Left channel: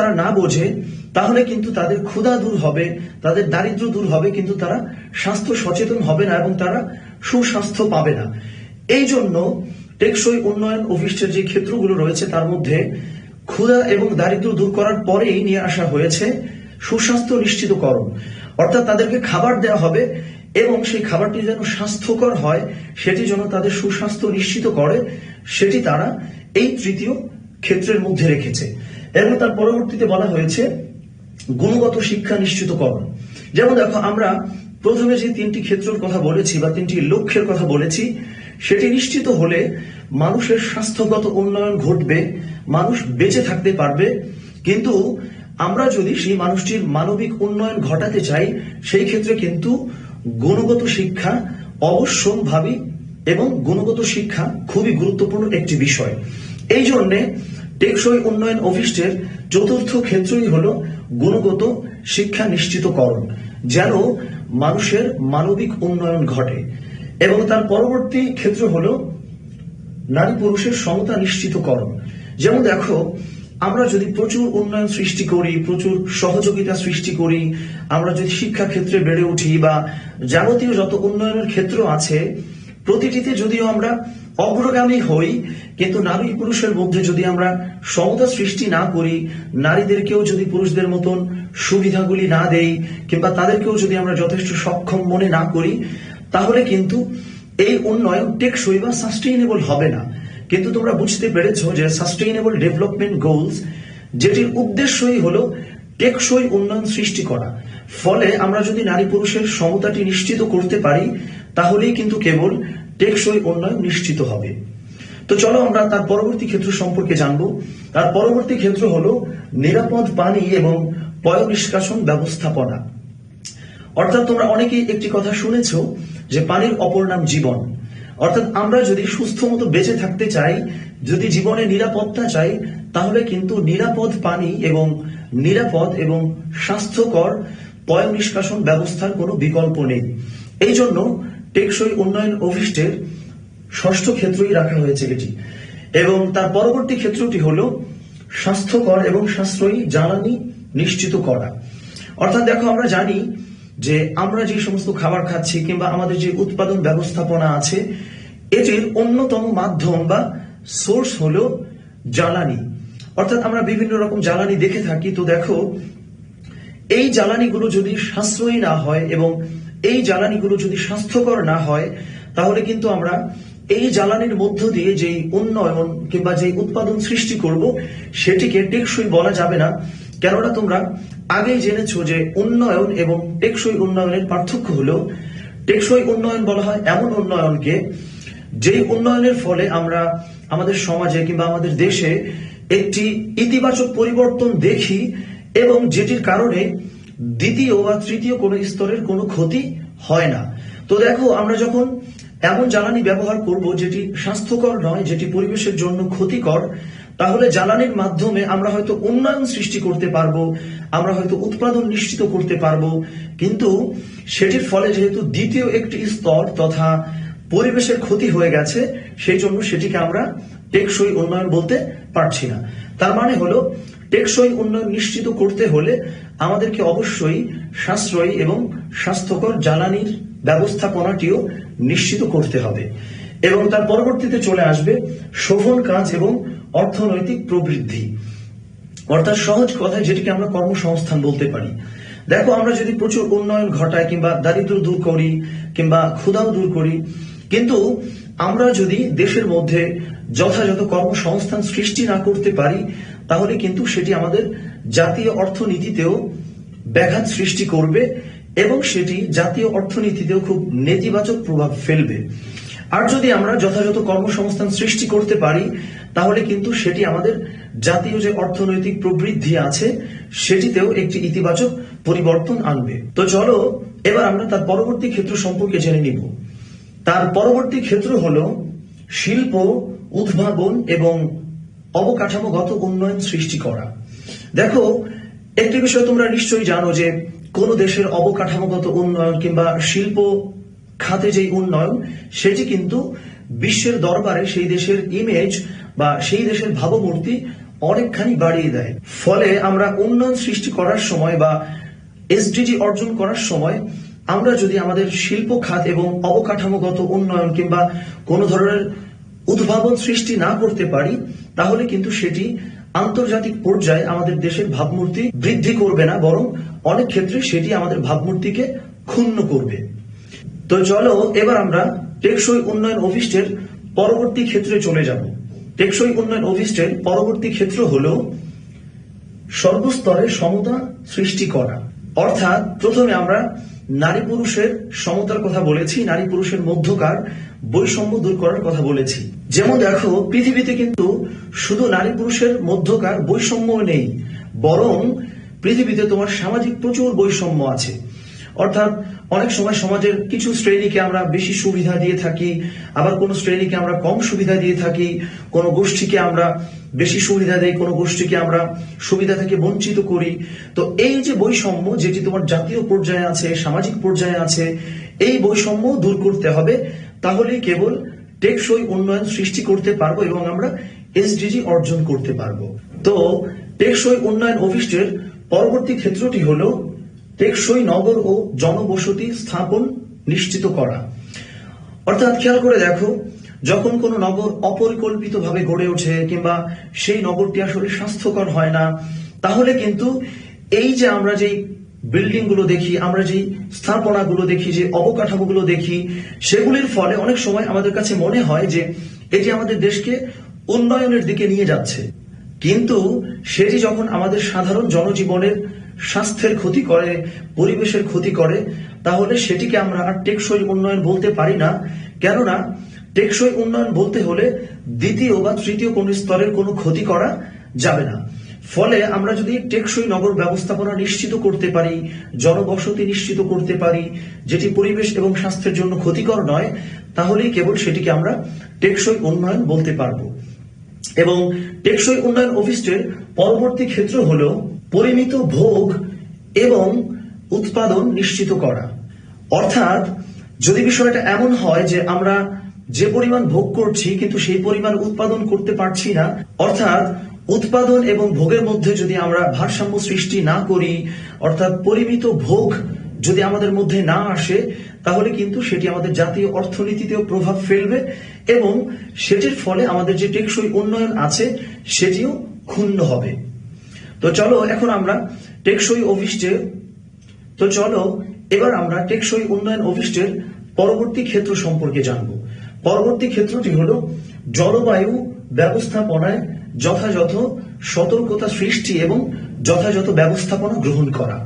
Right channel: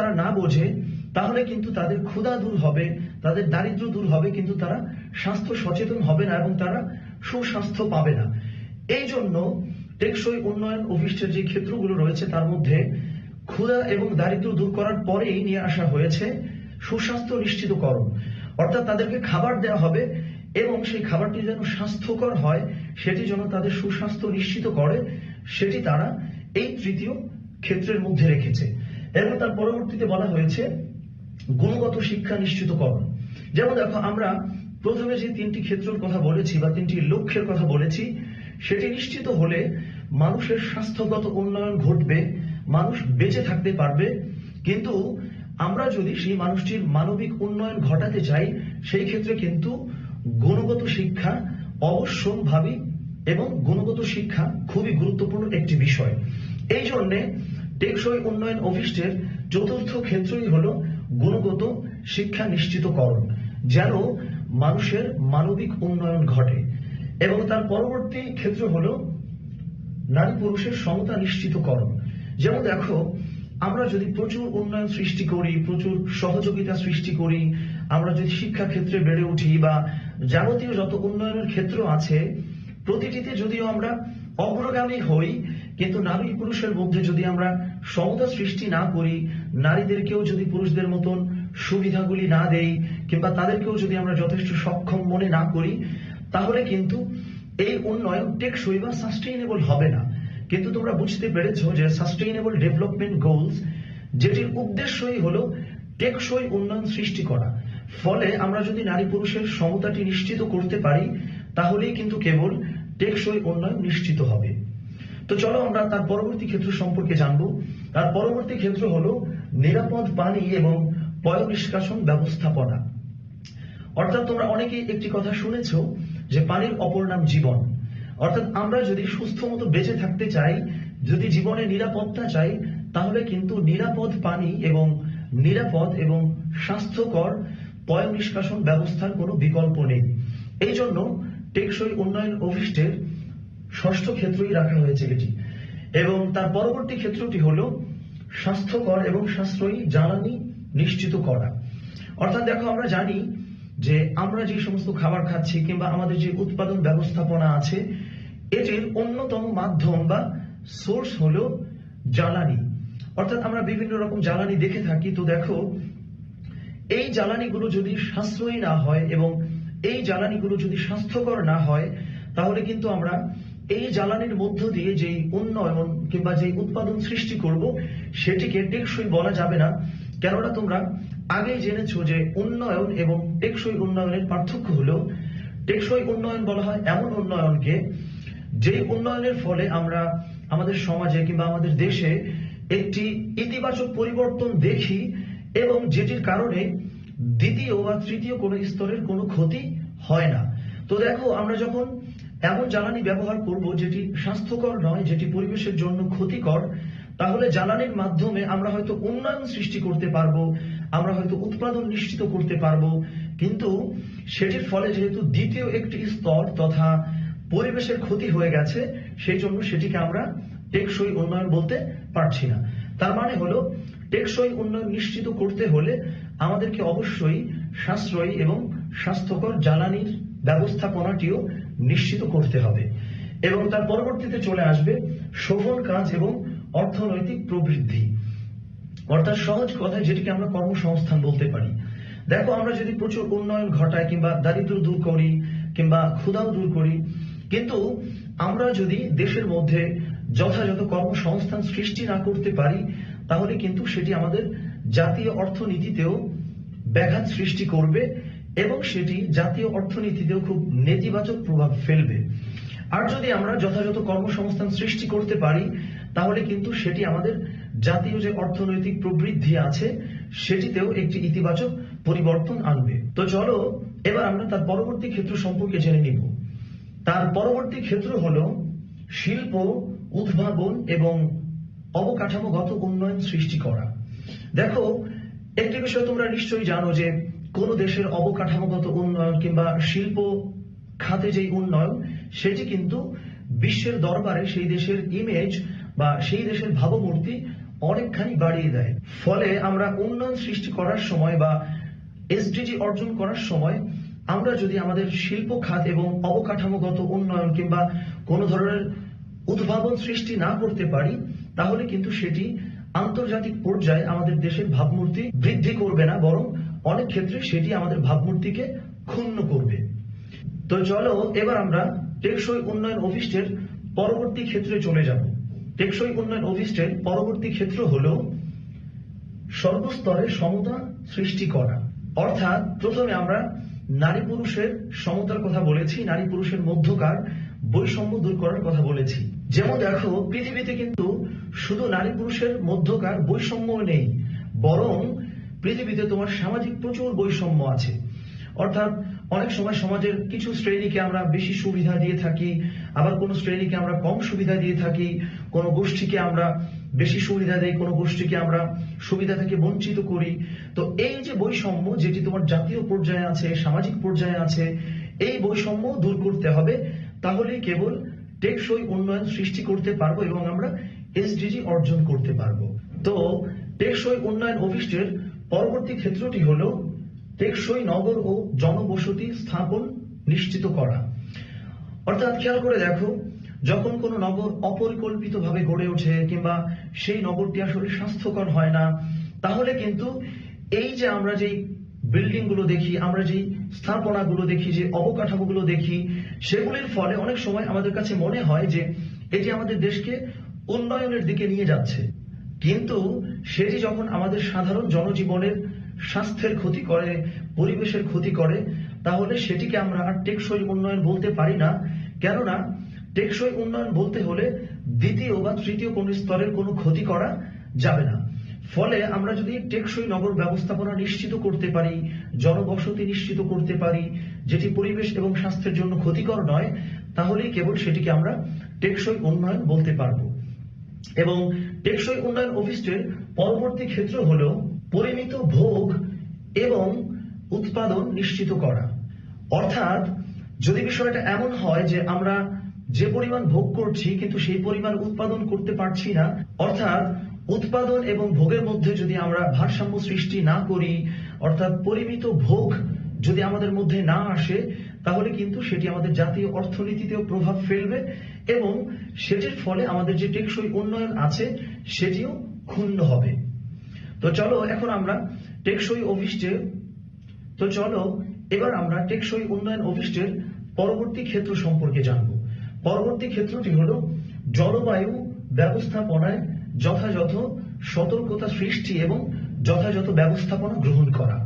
তারা না বোঝে তাহলে কিন্তু তাদের ক্ষুধা দূর হবে, তাদের দারিদ্র্য দূর হবে, কিন্তু তারা স্বাস্থ্য সচেতন হবে না এবং তারা সুস্বাস্থ্য পাবে না। এই জন্য টেকসই উন্নয়ন অভিষ্টের যে ক্ষেত্রগুলো রয়েছে তার মধ্যে ক্ষুধা এবং দারিদ্র্য দূর করার পরেই নিয়ে আসা হয়েছে সুস্বাস্থ্য নিশ্চিতকরণ। অর্থাৎ তাদেরকে খাবার দেওয়া হবে এবং সেই খাবারটি যেন স্বাস্থ্যকর হয়, সেটি যেন তাদের সুস্বাস্থ্য নিশ্চিত করে, সেটি তারা এই তৃতীয় ক্ষেত্রের মধ্যে রেখেছে। এবং তার পরবর্তীতে বলা হয়েছে গুণগত শিক্ষা নিশ্চিতকরণ। যেমন দেখো, আমরা প্রথমে যে তিনটি ক্ষেত্রের কথা বলেছি বা তিনটি লক্ষ্যের কথা বলেছি, সেটি নিশ্চিত হলে মানুষের স্বাস্থ্যগত উন্নয়ন ঘটবে, মানুষ বেঁচে থাকতে পারবে। কিন্তু আমরা যদি সেই মানুষটির মানবিক উন্নয়ন ঘটাতে চাই, সেই ক্ষেত্রে কিন্তু গুণগত শিক্ষা অবশ্যম্ভাবী এবং গুণগত শিক্ষা খুবই গুরুত্বপূর্ণ একটি বিষয়। এই জন্য টেকসই উন্নয়ন অভিষ্টের চতুর্থ ক্ষেত্রই হলো গুণগত শিক্ষা নিশ্চিতকরণ, যেন মানুষের মানবিক উন্নয়ন ঘটে। এবং তার পরবর্তী ক্ষেত্র হলো নারী পুরুষের সমতা নিশ্চিতকরণ। যেমন দেখো, আমরা যদি প্রচুর উন্নয়ন সৃষ্টি করি, প্রচুর সহযোগিতা সৃষ্টি করি, আমরা যদি শিক্ষা ক্ষেত্রে বেড়ে উঠি বা যাবতীয় যত উন্নয়নের ক্ষেত্র আছে প্রতিটিতে যদিও আমরা অগ্রগামী হই, কিন্তু নারী পুরুষের মধ্যে যদি আমরা সমতা সৃষ্টি না করি, নারীদেরকেও যদি পুরুষদের মতন সুবিধাগুলি না দেই, কিংবা তাদেরকেও যদি আমরা যথেষ্ট সক্ষম মনে না করি, তাহলে কিন্তু এই উন্নয়ন টেকসই বা সাস্টেইনেবল হবে না। কিন্তু তোমরা বুঝতে পেরেছো যে সাস্টেইনেবল ডেভেলপমেন্ট গোলস, যেটির উদ্দেশ্যই হলো টেকসই উন্নয়ন সৃষ্টি করা। ফলে আমরা যদি নারী পুরুষের সমতাটি নিশ্চিত করতে পারি, তাহলেই কিন্তু কেবল টেকসই উন্নয়ন নিশ্চিত হবে। তো চলো আমরা তার পরবর্তী ক্ষেত্র সম্পর্কে জানবো। তার পরবর্তী ক্ষেত্র হলো নিরাপদ পানি এবং পয় নিষ্কাশন ব্যবস্থাপনা। অর্থাৎ তোমরা অনেকেই একটি কথা শুনেছো যে পানির অপর নাম জীবন। অর্থাৎ আমরা যদি সুস্থ মতো বেঁচে থাকতে চাই, যদি জীবনে নিরাপত্তা চাই, তাহলে কিন্তু নিরাপদ পানি এবং নিরাপদ এবং স্বাস্থ্যকর পয় নিষ্কাশন ব্যবস্থার কোনো বিকল্প নেই। এই জন্য টেকসই উন্নয়ন অভিষ্টের ষষ্ঠ ক্ষেত্রই রাখা হয়েছে এটি। এবং তার পরবর্তী ক্ষেত্রটি হলো স্বাস্থ্যকর এবং সাশ্রয়ী জ্বালানি নিশ্চিত করা। অর্থাৎ দেখো, আমরা জানি যে আমরা যে সমস্ত খাবার খাচ্ছি কিংবা আমাদের যে উৎপাদন ব্যবস্থাপনা আছে, এটির অন্যতম মাধ্যম বা সোর্স হলো জ্বালানি। অর্থাৎ আমরা বিভিন্ন রকম জ্বালানি দেখে থাকি। তো দেখো, এই জ্বালানিগুলো যদি সাশ্রয়ী না হয় এবং এই জ্বালানিগুলো যদি স্বাস্থ্যকর না হয়, তাহলে কিন্তু আমরা এই জ্বালানির মধ্য দিয়ে যেই উন্নয়ন কিংবা যেই উৎপাদন সৃষ্টি করব, সেটিকে টেকসই বলা যাবে না। কেননা তোমরা আগেই জেনেছো যে উন্নয়ন এবং টেকসই উন্নয়নের পার্থক্য হলো, টেকসই উন্নয়ন বলা হয় এমন উন্নয়নকে যেই উন্নয়নের ফলে আমরা আমাদের সমাজে কিংবা আমাদের দেশে একটি ইতিবাচক পরিবর্তন দেখি এবং যেটির কারণে দ্বিতীয় বা তৃতীয় কোনো স্তরের কোনো ক্ষতি হয় না। তো দেখো, আমরা যখন এমন জ্বালানি ব্যবহার করব যেটি স্বাস্থ্যকর নয়, যেটি পরিবেশের জন্য ক্ষতিকর, তাহলে জ্বালানির মাধ্যমে আমরা হয়তো উন্নয়ন সৃষ্টি করতে পারবো, আমরা হয়তো উৎপাদন নিশ্চিত করতে পারবো, কিন্তু সেটির ফলে যেহেতু দ্বিতীয় একটি স্তর তথা পরিবেশের ক্ষতি হয়ে গেছে, সেই জন্য সেটিকে আমরা টেকসই উন্নয়ন বলতে পারছি না। তার মানে হলো, টেকসই উন্নয়ন নিশ্চিত করতে হলে আমাদেরকে অবশ্যই সাশ্রয়ী এবং স্বাস্থ্যকর জ্বালানির ব্যবস্থাপনাটিও নিশ্চিত করতে হবে। এবং তার পরবর্তীতে চলে আসবে শোভন কাজ এবং অর্থনৈতিক প্রবৃদ্ধি। অর্থাৎ সহজ কথায় যেটিকে আমরা কর্মসংস্থান বলতে পারি। দেখো, আমরা যদি প্রচুর উন্নয়ন ঘটাই কিংবা দারিদ্র্য দূর করি কিংবা ক্ষুধাও দূর করি, কিন্তু আমরা যদি দেশের মধ্যে যথাযথ কর্মসংস্থান সৃষ্টি না করতে পারি, তাহলে কিন্তু সেটি আমাদের জাতীয় অর্থনীতিতেও ব্যাঘাত সৃষ্টি করবে এবং সেটি জাতীয় অর্থনীতিতেও খুব নেতিবাচক প্রভাব ফেলবে। আর যদি আমরা যথাযথ কর্মসংস্থান সৃষ্টি করতে পারি, তাহলে কিন্তু সেটি আমাদের জাতীয় যে অর্থনৈতিক প্রবৃদ্ধি আছে সেটিতেও একটি ইতিবাচক পরিবর্তন আনবে। তো চলো এবার আমরা তার পরবর্তী ক্ষেত্র সম্পর্কে জেনে নিব। তার পরবর্তী ক্ষেত্র হলো শিল্প, উদ্ভাবন এবং অবকাঠামোগত উন্নয়ন সৃষ্টি করা। দেখো, একটি বিষয় তোমরা নিশ্চয়ই জানো যে কোন দেশের অবকাঠামোগত উন্নয়ন কিংবা শিল্প খাতে যে উন্নয়ন, সেটি কিন্তু বিশ্বের দরবারে সেই দেশের ইমেজ বা সেই দেশের ভাবমূর্তি অনেকখানি বাড়িয়ে দেয়। ফলে আমরা উন্নয়ন সৃষ্টি করার সময় বা এসডিজি অর্জন করার সময় আমরা যদি আমাদের শিল্প খাত এবং অবকাঠামোগত উন্নয়ন কিংবা কোনো ধরনের উদ্ভাবন সৃষ্টি না করতে পারি, তাহলে কিন্তু সেটি আন্তর্জাতিক পর্যায়ে আমাদের দেশের ভাবমূর্তি বৃদ্ধি করবে না, বরং অনেক ক্ষেত্রে সেটি আমাদের ভাবমূর্তিকে ক্ষুণ্ণ করবে। তো চলো এবার আমরা টেকসই উন্নয়ন অভিষ্টের পরবর্তী ক্ষেত্রে চলে যাব। টেকসই উন্নয়ন অভিষ্টের পরবর্তী ক্ষেত্র হলো সর্বস্তরে সমতা সৃষ্টি করা। অর্থাৎ প্রথমে আমরা নারী পুরুষের সমতার কথা বলেছি, নারী পুরুষের মধ্যকার বৈষম্য দূর করার কথা বলেছি। যেমন দেখো, পৃথিবীতে কিন্তু শুধু নারী পুরুষের মধ্যকার বৈষম্য নেই, বরং পৃথিবীতে তোমার সামাজিক প্রচুর বৈষম্য আছে। অর্থাৎ অনেক সময় সমাজের কিছু শ্রেণীকে আমরা বেশি সুবিধা দিয়ে থাকি, আবার কোন শ্রেণীকে আমরা কম সুবিধা দিয়ে থাকি, কোন গোষ্ঠীকে আমরা বেশি সুবিধা দেই, কোন গোষ্ঠীকে আমরা সুবিধা থেকে বঞ্চিত করি। তো এই যে বৈষম্য, যেটি তোমার জাতীয় পর্যায়ে আছে, সামাজিক পর্যায়ে আছে, এই বৈষম্য দূর করতে হবে। তাহলেই কেবল টেকসই উন্নয়ন সৃষ্টি করতে পারবো এবং আমরা এসডিজি অর্জন করতে পারবো। তো টেকসই উন্নয়ন অভিষ্টের পরবর্তী ক্ষেত্রটি হলো টেকসই নগর ও জনবসতি স্থাপন নিশ্চিত করা। অর্থাৎ খেয়াল করে দেখো, যখন কোনো নগর অপরিকল্পিতভাবে গড়ে ওঠে কিংবা সেই নগরটি আসলে স্বাস্থ্যকর হয় না, তাহলে কিন্তু এই যে আমরা যেই বিল্ডিং গুলো দেখি, আমরা যেই স্থাপনাগুলো দেখি, যে অবকাঠামোগুলো দেখি, সেগুলির ফলে অনেক সময় আমাদের কাছে মনে হয় যে এটি আমাদের দেশকে উন্নয়নের দিকে নিয়ে যাচ্ছে। কিন্তু সেটি যখন আমাদের সাধারণ জনজীবনের স্বাস্থ্যের ক্ষতি করে, পরিবেশের ক্ষতি করে, তাহলে সেটিকে আমরা আর টেকসই উন্নয়ন বলতে পারি না। কেননা টেকসই উন্নয়ন বলতে হলে দ্বিতীয় বা তৃতীয় কোন স্তরের কোনো ক্ষতি করা যাবে না। ফলে আমরা যদি টেকসই নগর ব্যবস্থাপনা নিশ্চিত করতে পারি, জনবসতি নিশ্চিত করতে পারি, যেটি পরিবেশ এবং স্বাস্থ্যের জন্য ক্ষতিকর নয়, তাহলেই কেবল সেটিকে আমরা টেকসই উন্নয়ন বলতে পারবো। এবং টেকসই উন্নয়ন অভিষ্টের পরবর্তী ক্ষেত্র হলো পরিমিত ভোগ এবং উৎপাদন নিশ্চিত করা। অর্থাৎ যদি বিষয়টা এমন হয় যে আমরা যে পরিমাণ ভোগ করছি কিন্তু সেই পরিমাণ উৎপাদন করতে পারছি না, অর্থাৎ উৎপাদন এবং ভোগের মধ্যে যদি আমরা ভারসাম্য সৃষ্টি না করি, অর্থাৎ পরিমিত ভোগ যদি আমাদের মধ্যে না আসে, তাহলে কিন্তু সেটি আমাদের জাতীয় অর্থনীতিতেও প্রভাব ফেলবে এবং সেটির ফলে আমাদের যে টেকসই উন্নয়ন আছে সেটিও ক্ষুণ্ণ হবে। তো চলো এবার আমরা টেকসই উন্নয়ন অভিষ্টের পরবর্তী ক্ষেত্র সম্পর্কে জানবো। পরবর্তী ক্ষেত্রটি হলো জলবায়ু ব্যবস্থাপনায় যথাযথ সতর্কতা সৃষ্টি এবং যথাযথ ব্যবস্থাপনা গ্রহণ করা।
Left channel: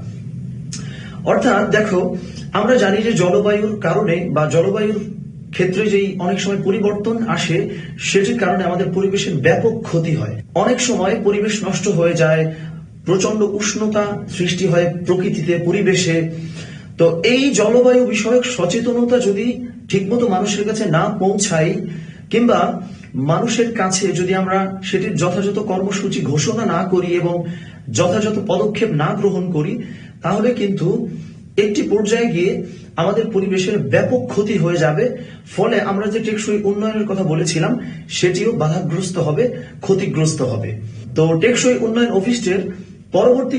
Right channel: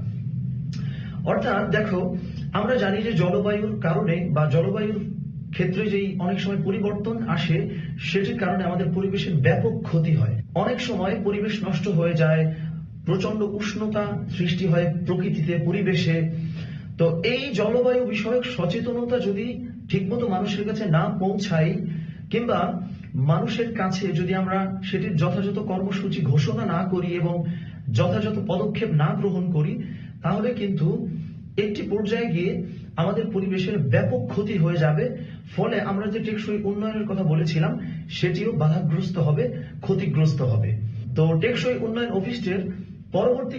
অর্থাৎ দেখো, আমরা জানি যে জলবায়ুর কারণে বা জলবায়ুর ক্ষেত্রে যেই অনেক সময় পরিবর্তন আসে, সেটির কারণে আমাদের পরিবেশের ব্যাপক ক্ষতি হয়। অনেক সময় পরিবেশ নষ্ট হয়ে যায়, প্রচন্ড উষ্ণতা সৃষ্টি হয় প্রকৃতিতে, পরিবেশে। তো এই জলবায়ু বিষয়ক সচেতনতা যদি ঠিকমতো মানুষের কাছে না পৌঁছায় কিংবা মানুষের কাছে যদি আমরা সেটির যথাযথ কর্মসূচি ঘোষণা না করি এবং যথাযথ পদক্ষেপ না গ্রহণ করি, তাহলে কিন্তু একটি পর্যায়ে গিয়ে আমাদের পরিবেশের ব্যাপক ক্ষতি হয়ে যাবে। ফলে আমরা যে টেকসই উন্নয়নের কথা বলেছিলাম সেটিও বাধাগ্রস্ত হবে, ক্ষতিগ্রস্ত হবে। তো টেকসই উন্নয়ন অভিষ্টের পরবর্তী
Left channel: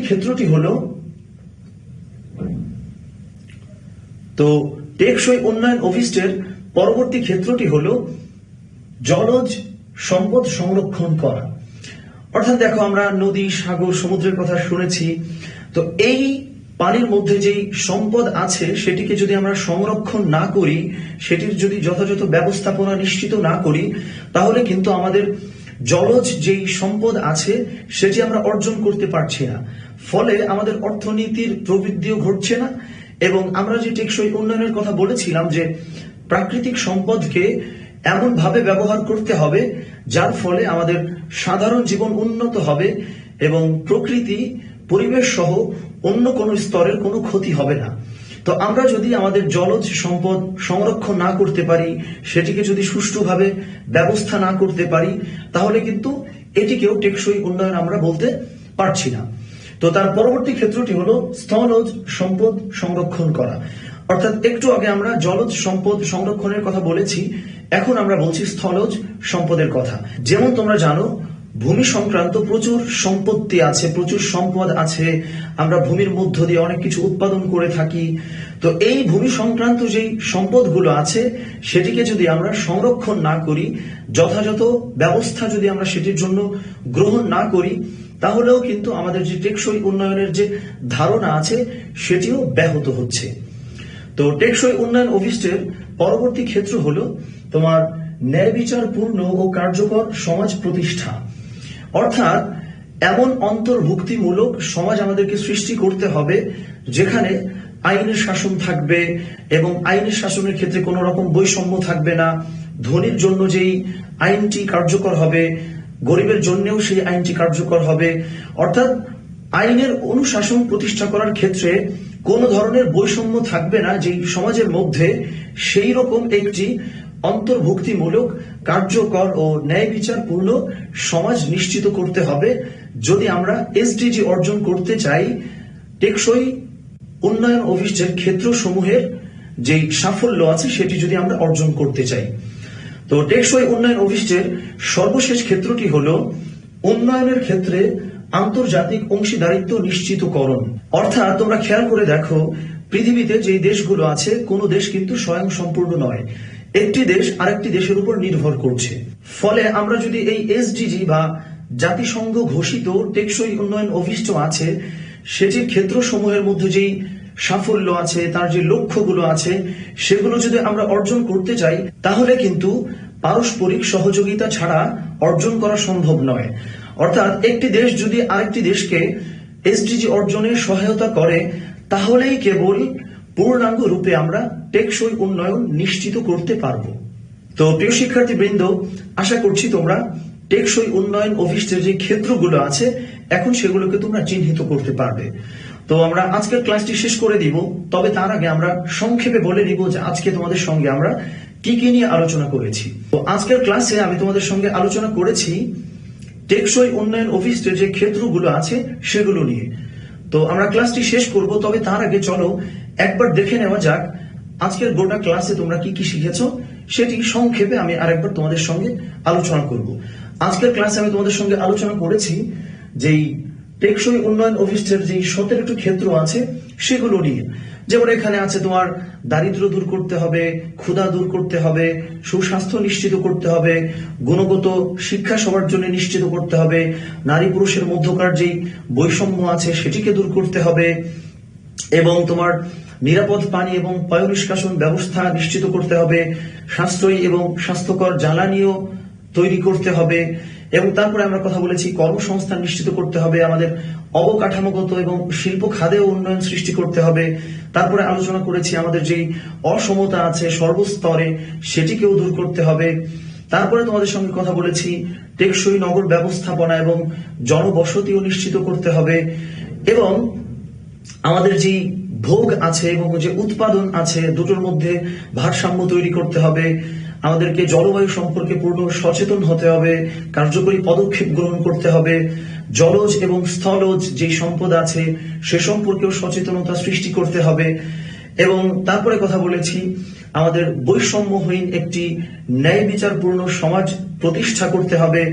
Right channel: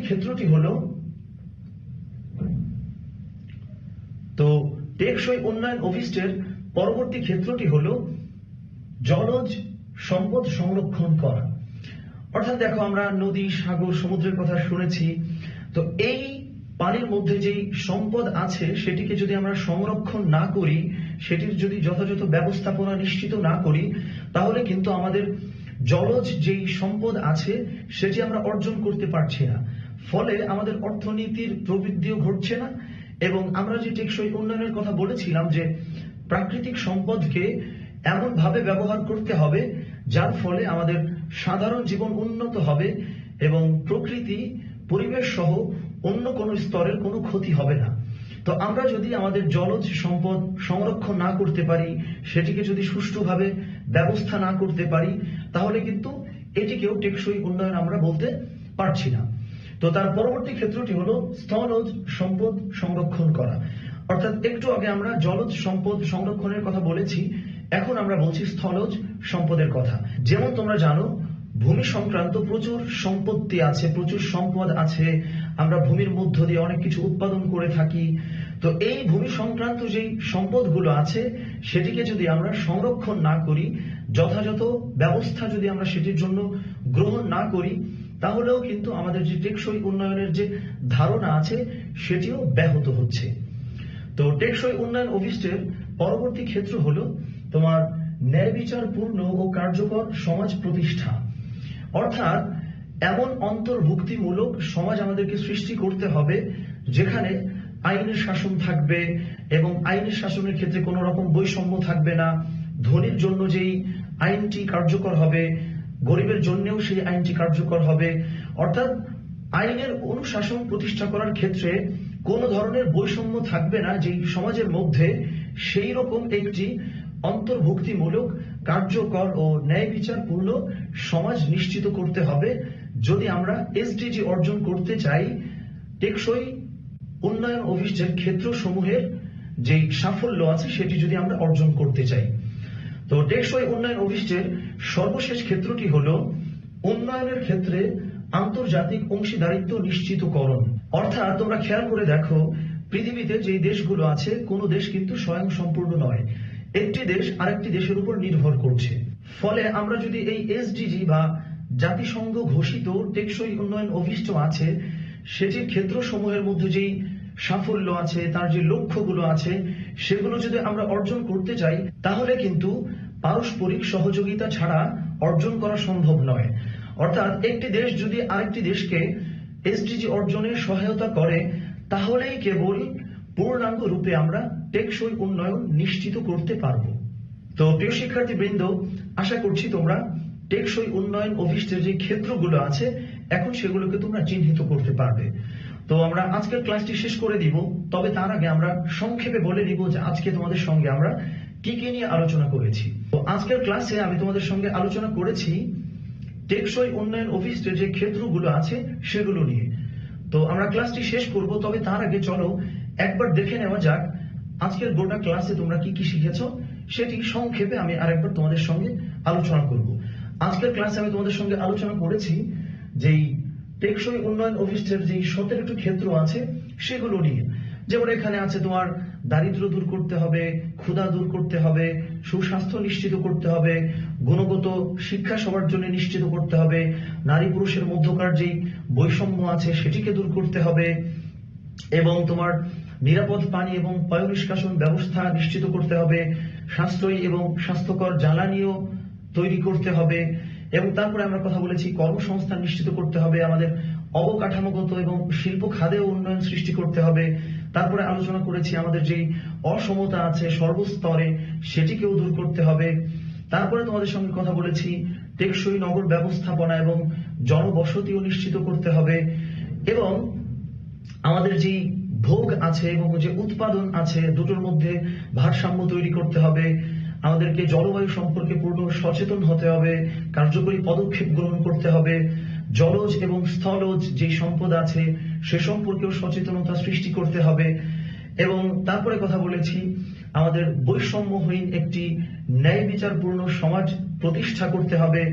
ক্ষেত্রটি হলো জলজ সম্পদ সংরক্ষণ করা। অর্থাৎ দেখো, আমরা নদী, সাগর, সমুদ্রের কথা শুনেছি। তো এই পানির মধ্যে যেই সম্পদ আছে সেটিকে যদি আমরা সংরক্ষণ না করি, সেটির যদি যথাযথ ব্যবস্থাপনা নিশ্চিত না করি, তাহলে কিন্তু আমাদের জলজ যেই সম্পদ আছে সেটি আমরা অর্জন করতে পারছি না। ফলে আমাদের অর্থনীতির প্রবৃদ্ধিও ঘটছে না এবং আমরা যে টেকসই উন্নয়নের কথা বলেছিলাম যে প্রাকৃতিক সম্পদকে এমন ভাবে ব্যবহার করতে হবে যার ফলে আমাদের সাধারণ জীবন উন্নত হবে এবং প্রকৃতি, পরিবেশ সহ অন্য কোনো স্তরের কোনো ক্ষতি হবে না। তো আমরা যদি আমাদের জলজ সম্পদ সংরক্ষণ না করতে পারি, সেটিকে যদি সুষ্ঠুভাবে ব্যবস্থা না করতে পারি, তাহলে কিন্তু এটিকেও টেকসই উন্নয়ন আমরা বলতে পারছি না। তো তার পরবর্তী ক্ষেত্রটি হলো স্থলজ সম্পদ সংরক্ষণ করা। অর্থাৎ একটু আগে আমরা জলজ সম্পদ সংরক্ষণের কথা বলেছি, এখন আমরা বলছি স্থলজ সম্পদের কথা। যেমন তোমরা জানো, ভূমি সংক্রান্ত প্রচুর সম্পত্তি আছে, প্রচুর সম্পদ আছে, আমরা ভূমির মধ্য দিয়ে অনেক কিছু উৎপাদন করে থাকি। তো এই ভূমি সংক্রান্ত যেই সম্পদগুলো আছে সেটিকে যদি আমরা সংরক্ষণ না করি, যথাযথ ব্যবস্থা যদি আমরা সেটির জন্য গ্রহণ না করি, তাহলেও কিন্তু আমাদের যে টেকসই উন্নয়নের যে ধারণা আছে সেটিও ব্যাহত হচ্ছে। তো টেকসই উন্নয়ন অভিষ্টের পরবর্তী ক্ষেত্র হলো তোমার ন্যায় বিচারপূর্ণ ও কার্যকর সমাজ প্রতিষ্ঠা। অর্থাৎ এমন অন্তর্ভুক্তিমূলক সমাজ আমাদেরকে সৃষ্টি করতে হবে যেখানে আইনের শাসন থাকবে এবং আইনের শাসনের ক্ষেত্রে কোনো রকম বৈষম্য থাকবে না। ধনীর জন্য যেই আইনটি কার্যকর হবে, গরিবের জন্যও সেই আইনটি কার্যকর হবে। অর্থাৎ আইনের অনুশাসন প্রতিষ্ঠা করার ক্ষেত্রে কোনো ধরনের বৈষম্য থাকবে না যেই সমাজের মধ্যে, সেই রকম একটি অন্তর্ভুক্তিমূলক কার্যকর ও ন্যায় বিচারপূর্ণ সমাজ নিশ্চিত করতে হবে যদি আমরা এসডিজি অর্জন করতে চাই। টেকসই উন্নয়ন অভিষ্টের ক্ষেত্রসমূহের যে সাফল্য আছে সেটি যদি আমরা অর্জন করতে চাই। তো টেকসই উন্নয়ন অভিষ্টের সর্বশেষ ক্ষেত্রটি হলো উন্নয়নের ক্ষেত্রে আন্তর্জাতিক অংশীদারিত্ব নিশ্চিতকরণ। অর্থাৎ তোমরা খেয়াল করে দেখো, পৃথিবীতে যে দেশগুলো আছে কোনো দেশ কিন্তু স্বয়ং সম্পূর্ণ নয়, একটি দেশ আরেকটি দেশের উপর নির্ভর করছে। ফলে আমরা যদি এই এসডিজি বা জাতিসংঘ ঘোষিত টেকসই উন্নয়ন অভিষ্ট আছে সেটির ক্ষেত্রসমূহের মধ্যে যেই সাফল্য আছে, তার যে লক্ষ্যগুলো আছে, সেগুলো যদি আমরা অর্জন করতে চাই তাহলে কিন্তু পারস্পরিক সহযোগিতা ছাড়া অর্জন করা সম্ভব নয়। অর্থাৎ একটি দেশ যদি আরেকটি দেশকে এসডিজি অর্জনে সহায়তা করে তাহলেই কেবল পূর্ণাঙ্গ রূপে আমরা টেকসই উন্নয়ন নিশ্চিত করতে পারবো। তো প্রিয় শিক্ষার্থীবৃন্দ, আশা করছি তোমরা টেকসই উন্নয়ন অভিষ্টের যে ক্ষেত্রগুলো আছে এখন সেগুলোকে তোমরা চিহ্নিত করতে পারবে। তো আমরা আজকের ক্লাসটি শেষ করে দিব, তবে তার আগে আমরা সংক্ষেপে বলে দিব যে আজকে তোমাদের সঙ্গে আমরা কি কি নিয়ে আলোচনা করেছি। তো আজকের ক্লাসে আমি তোমাদের সঙ্গে আলোচনা করেছি টেকসই উন্নয়ন অভিষ্টের যে ক্ষেত্রগুলো আছে সেগুলো নিয়ে। তো আমরা ক্লাসটি শেষ করব, তবে তার আগে চলো একবার দেখে নেওয়া যাক আজকের গোটা ক্লাসে তোমরা কি কি শিখেছো সেটি সংক্ষেপে আমি আরেকবার তোমাদের সঙ্গে আলোচনা করব। আজকের ক্লাসে আমি তোমাদের সঙ্গে আলোচনা করেছি যেই টেকসই উন্নয়ন অভিষ্টের যে 17টি ক্ষেত্র আছে সেগুলো নিয়ে। যেমন এখানে আছে তোমার দারিদ্র দূর করতে হবে, ক্ষুধা দূর করতে হবে, সুস্বাস্থ্য নিশ্চিত করতে হবে, গুণগত শিক্ষা সবার জন্য নিশ্চিত করতে হবে, নারী পুরুষের মধ্যকার যেই বৈষম্য আছে সেটিকে দূর করতে হবে, এবং তোমার নিরাপদ পানি এবং পয় নিষ্কাশন ব্যবস্থা নিশ্চিত করতে হবে, সাশ্রয়ী এবং স্বাস্থ্যকর জ্বালানিও তৈরি করতে হবে, এবং তারপরে আমরা কথা বলেছি কর্মসংস্থান নিশ্চিত করতে হবে, আমাদের অবকাঠামোগত এবং শিল্প খাতেও উন্নয়ন সৃষ্টি করতে হবে। তারপরে আলোচনা করেছি আমাদের যেই অসমতা আছে সর্বস্তরে সেটিকেও দূর করতে হবে। তারপরে তোমাদের সঙ্গে কথা বলেছি টেকসই নগর ব্যবস্থাপনা এবং জনবসতিও নিশ্চিত করতে হবে, এবং আমাদের যে ভোগ আছে এবং যে উৎপাদন আছে দুটোর মধ্যে ভারসাম্য তৈরি করতে হবে। আমাদেরকে জলবায়ু সম্পর্কে পূর্ণ সচেতন হতে হবে, কার্যকরী পদক্ষেপ গ্রহণ করতে হবে। জলজ এবং স্থলজ যে সম্পদ আছে সে সম্পর্কেও সচেতনতা সৃষ্টি করতে হবে। এবং তারপরে কথা বলেছি আমাদের বৈষম্যহীন একটি ন্যায় বিচারপূর্ণ সমাজ প্রতিষ্ঠা করতে হবে।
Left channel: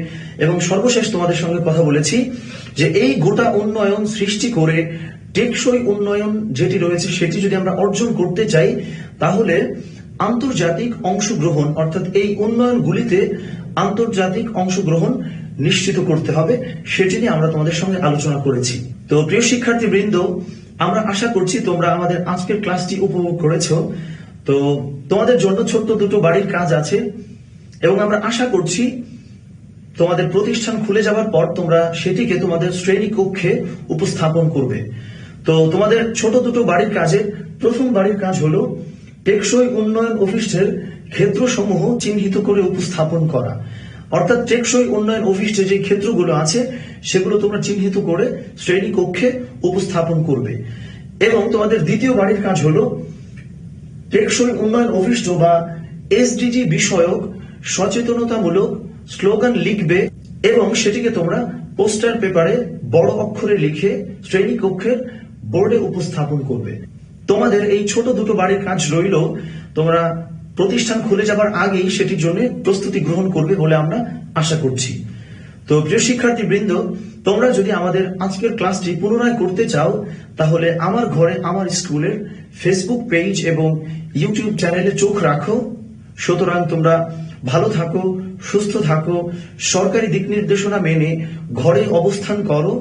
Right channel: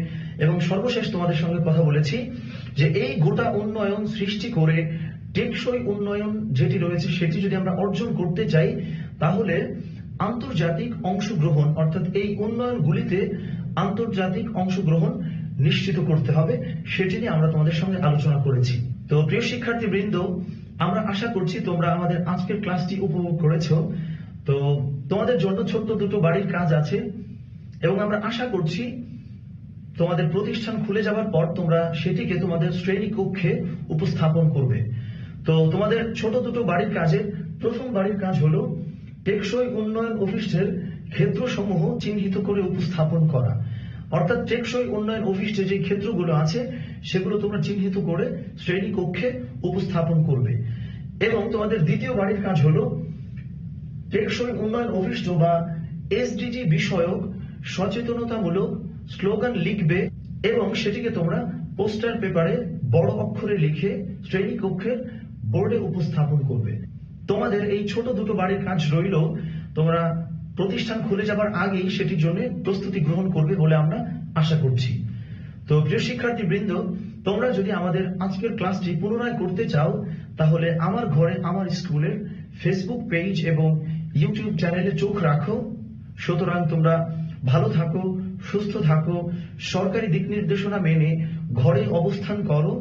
এবং সর্বশেষ তোমাদের সঙ্গে কথা বলেছি যে এই গোটা উন্নয়ন সৃষ্টি করে টেকসই উন্নয়ন যেটি রয়েছে সেটি যদি আমরা অর্জন করতে চাই তাহলে আন্তর্জাতিক অংশগ্রহণ, অর্থাৎ এই উন্নয়নগুলিতে আন্তর্জাতিক অংশগ্রহণ নিশ্চিত করতে হবে, সেটি নিয়ে আমরা তোমাদের সঙ্গে আলোচনা করেছি। তো প্রিয় শিক্ষার্থীবৃন্দ, আমরা আশা করছি তোমরা আমাদের আজকের ক্লাসটি উপভোগ করেছো। তো তোমাদের জন্য ছোট্ট দুটো বাড়ির কাজ আছে, এবং আমরা আশা করছি তোমাদের প্রতিষ্ঠান খুলে যাওয়ার পর তোমরা সেটিকে তোমাদের শ্রেণী কক্ষে উপস্থাপন করবে। তো তোমাদের ছোট দুটো বাড়ির কাজের প্রথম বাড়ির কাজ হলো টেকসই উন্নয়ন অভিষ্টের ক্ষেত্রসমূহ চিহ্নিত করে উপস্থাপন করা। অর্থাৎ টেকসই উন্নয়ন অভিষ্টের যে ক্ষেত্রগুলো আছে সেগুলো তোমরা চিহ্নিত করে শ্রেণী কক্ষে উপস্থাপন করবে। এবং তোমাদের দ্বিতীয় বাড়ির কাজ হলো টেকসই উন্নয়ন অভিষ্ট বা এসডিজি বিষয়ক সচেতনতামূলক স্লোগান লিখবে এবং সেটিকে তোমরা পোস্টার পেপারে বড় অক্ষরে লিখে শ্রেণী কক্ষের বোর্ডে উপস্থাপন করবে। তোমাদের এই ছোট দুটো বাড়ির কাজ রইল, তোমরা প্রতিষ্ঠান খুলে যাবার আগেই সেটির জন্য প্রস্তুতি গ্রহণ করবে বলে আমরা আশা করছি। তো তো প্রিয় শিক্ষার্থীবৃন্দ, তোমরা যদি আমাদের আজকের ক্লাসটি পুনরায় করতে চাও তাহলে আমার ঘরে আমার স্কুলের ফেসবুক পেজ এবং ইউটিউব চ্যানেলে চোখ রাখো। সুতরাং তোমরা ভালো থাকো, সুস্থ থাকো, সরকারি দিক নির্দেশনা মেনে ঘরে অবস্থান করো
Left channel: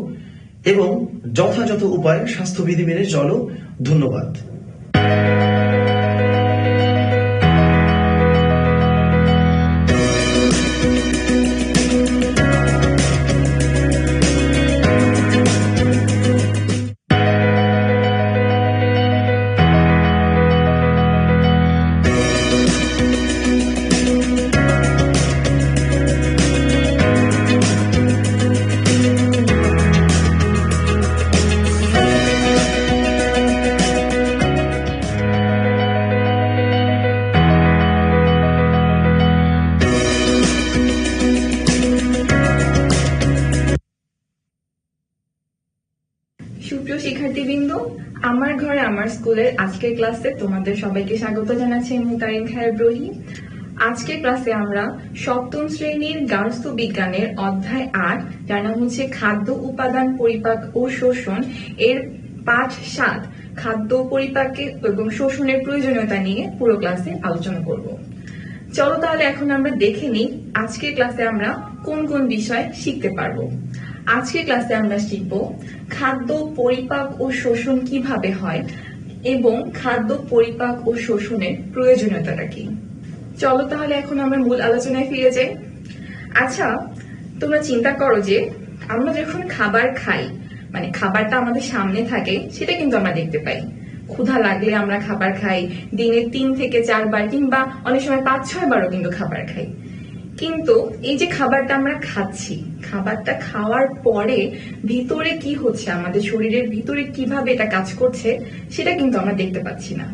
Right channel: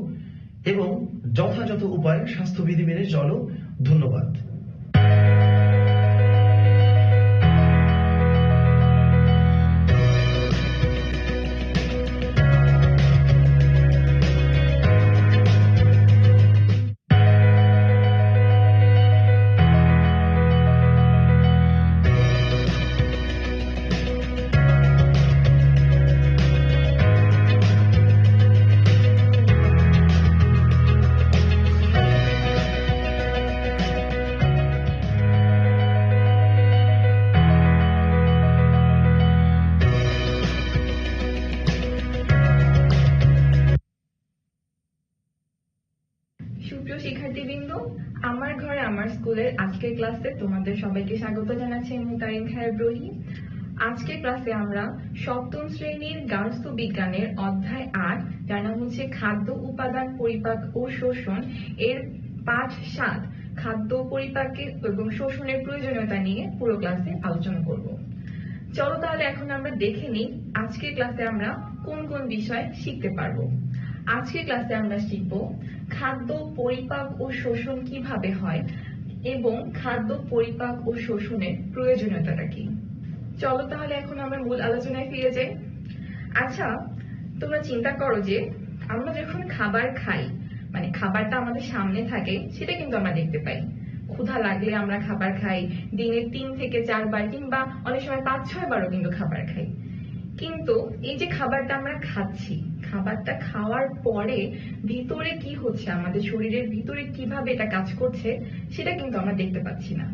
এবং যথাযথ উপায়ে স্বাস্থ্যবিধি মেনে চলো। ধন্যবাদ। সুপ্রিয় শিক্ষার্থীবৃন্দ, আমার ঘরে আমার স্কুলের আজকের ক্লাসে তোমাদের সবাইকে স্বাগত জানাচ্ছি। আমি তারিন খায়ের ব্রোহি। আজকের ক্লাসে আমরা সপ্তম শ্রেণীর গার্হস্থ্য বিজ্ঞানের অধ্যায় ৮, যার নাম হচ্ছে খাদ্য উপাদান, পরিপাক ও শোষণ, এর পাঠ ৭ খাদ্য পরিপাকে এবং শোষণের প্রয়োজনীয়তা নিয়ে পুরো ক্লাসে আলোচনা করব। চলো তাহলে এখন আমরা দেখে নিই আজকের ক্লাসে আমরা কোন কোন বিষয় শিখতে পারবো। আজকের ক্লাসে আমরা শিখব খাদ্য পরিপাক ও শোষণ কিভাবে হয় এবং খাদ্য পরিপাক ও শোষণের প্রয়োজনীয়তাটা কি। চলো তাহলে এখন আমরা মূল আলোচনায় ফিরে যাই। আচ্ছা, তোমরা চিন্তা করো যে আমরা যখন খাবার খাই, মানে খাবারটা আমাদের সামনে থাকে, সেটা কিন্তু আমরা দেখতে পাই। ক্ষুধা লাগলে আমরা খাবার খাই, দিনে ৩ থেকে ৪ বার কিংবা অনেক সময় ৫-৬ বারও কিন্তু খাবার খাই। কিন্তু এই যে খাবারটা আমরা খাচ্ছি, খাবারটা খাওয়ার পরে ভিতরে কি হচ্ছে, আমাদের শরীরের ভিতরে কিভাবে এটা কাজ করছে, সেটা কিন্তু আমরা দেখতে পাচ্ছি না।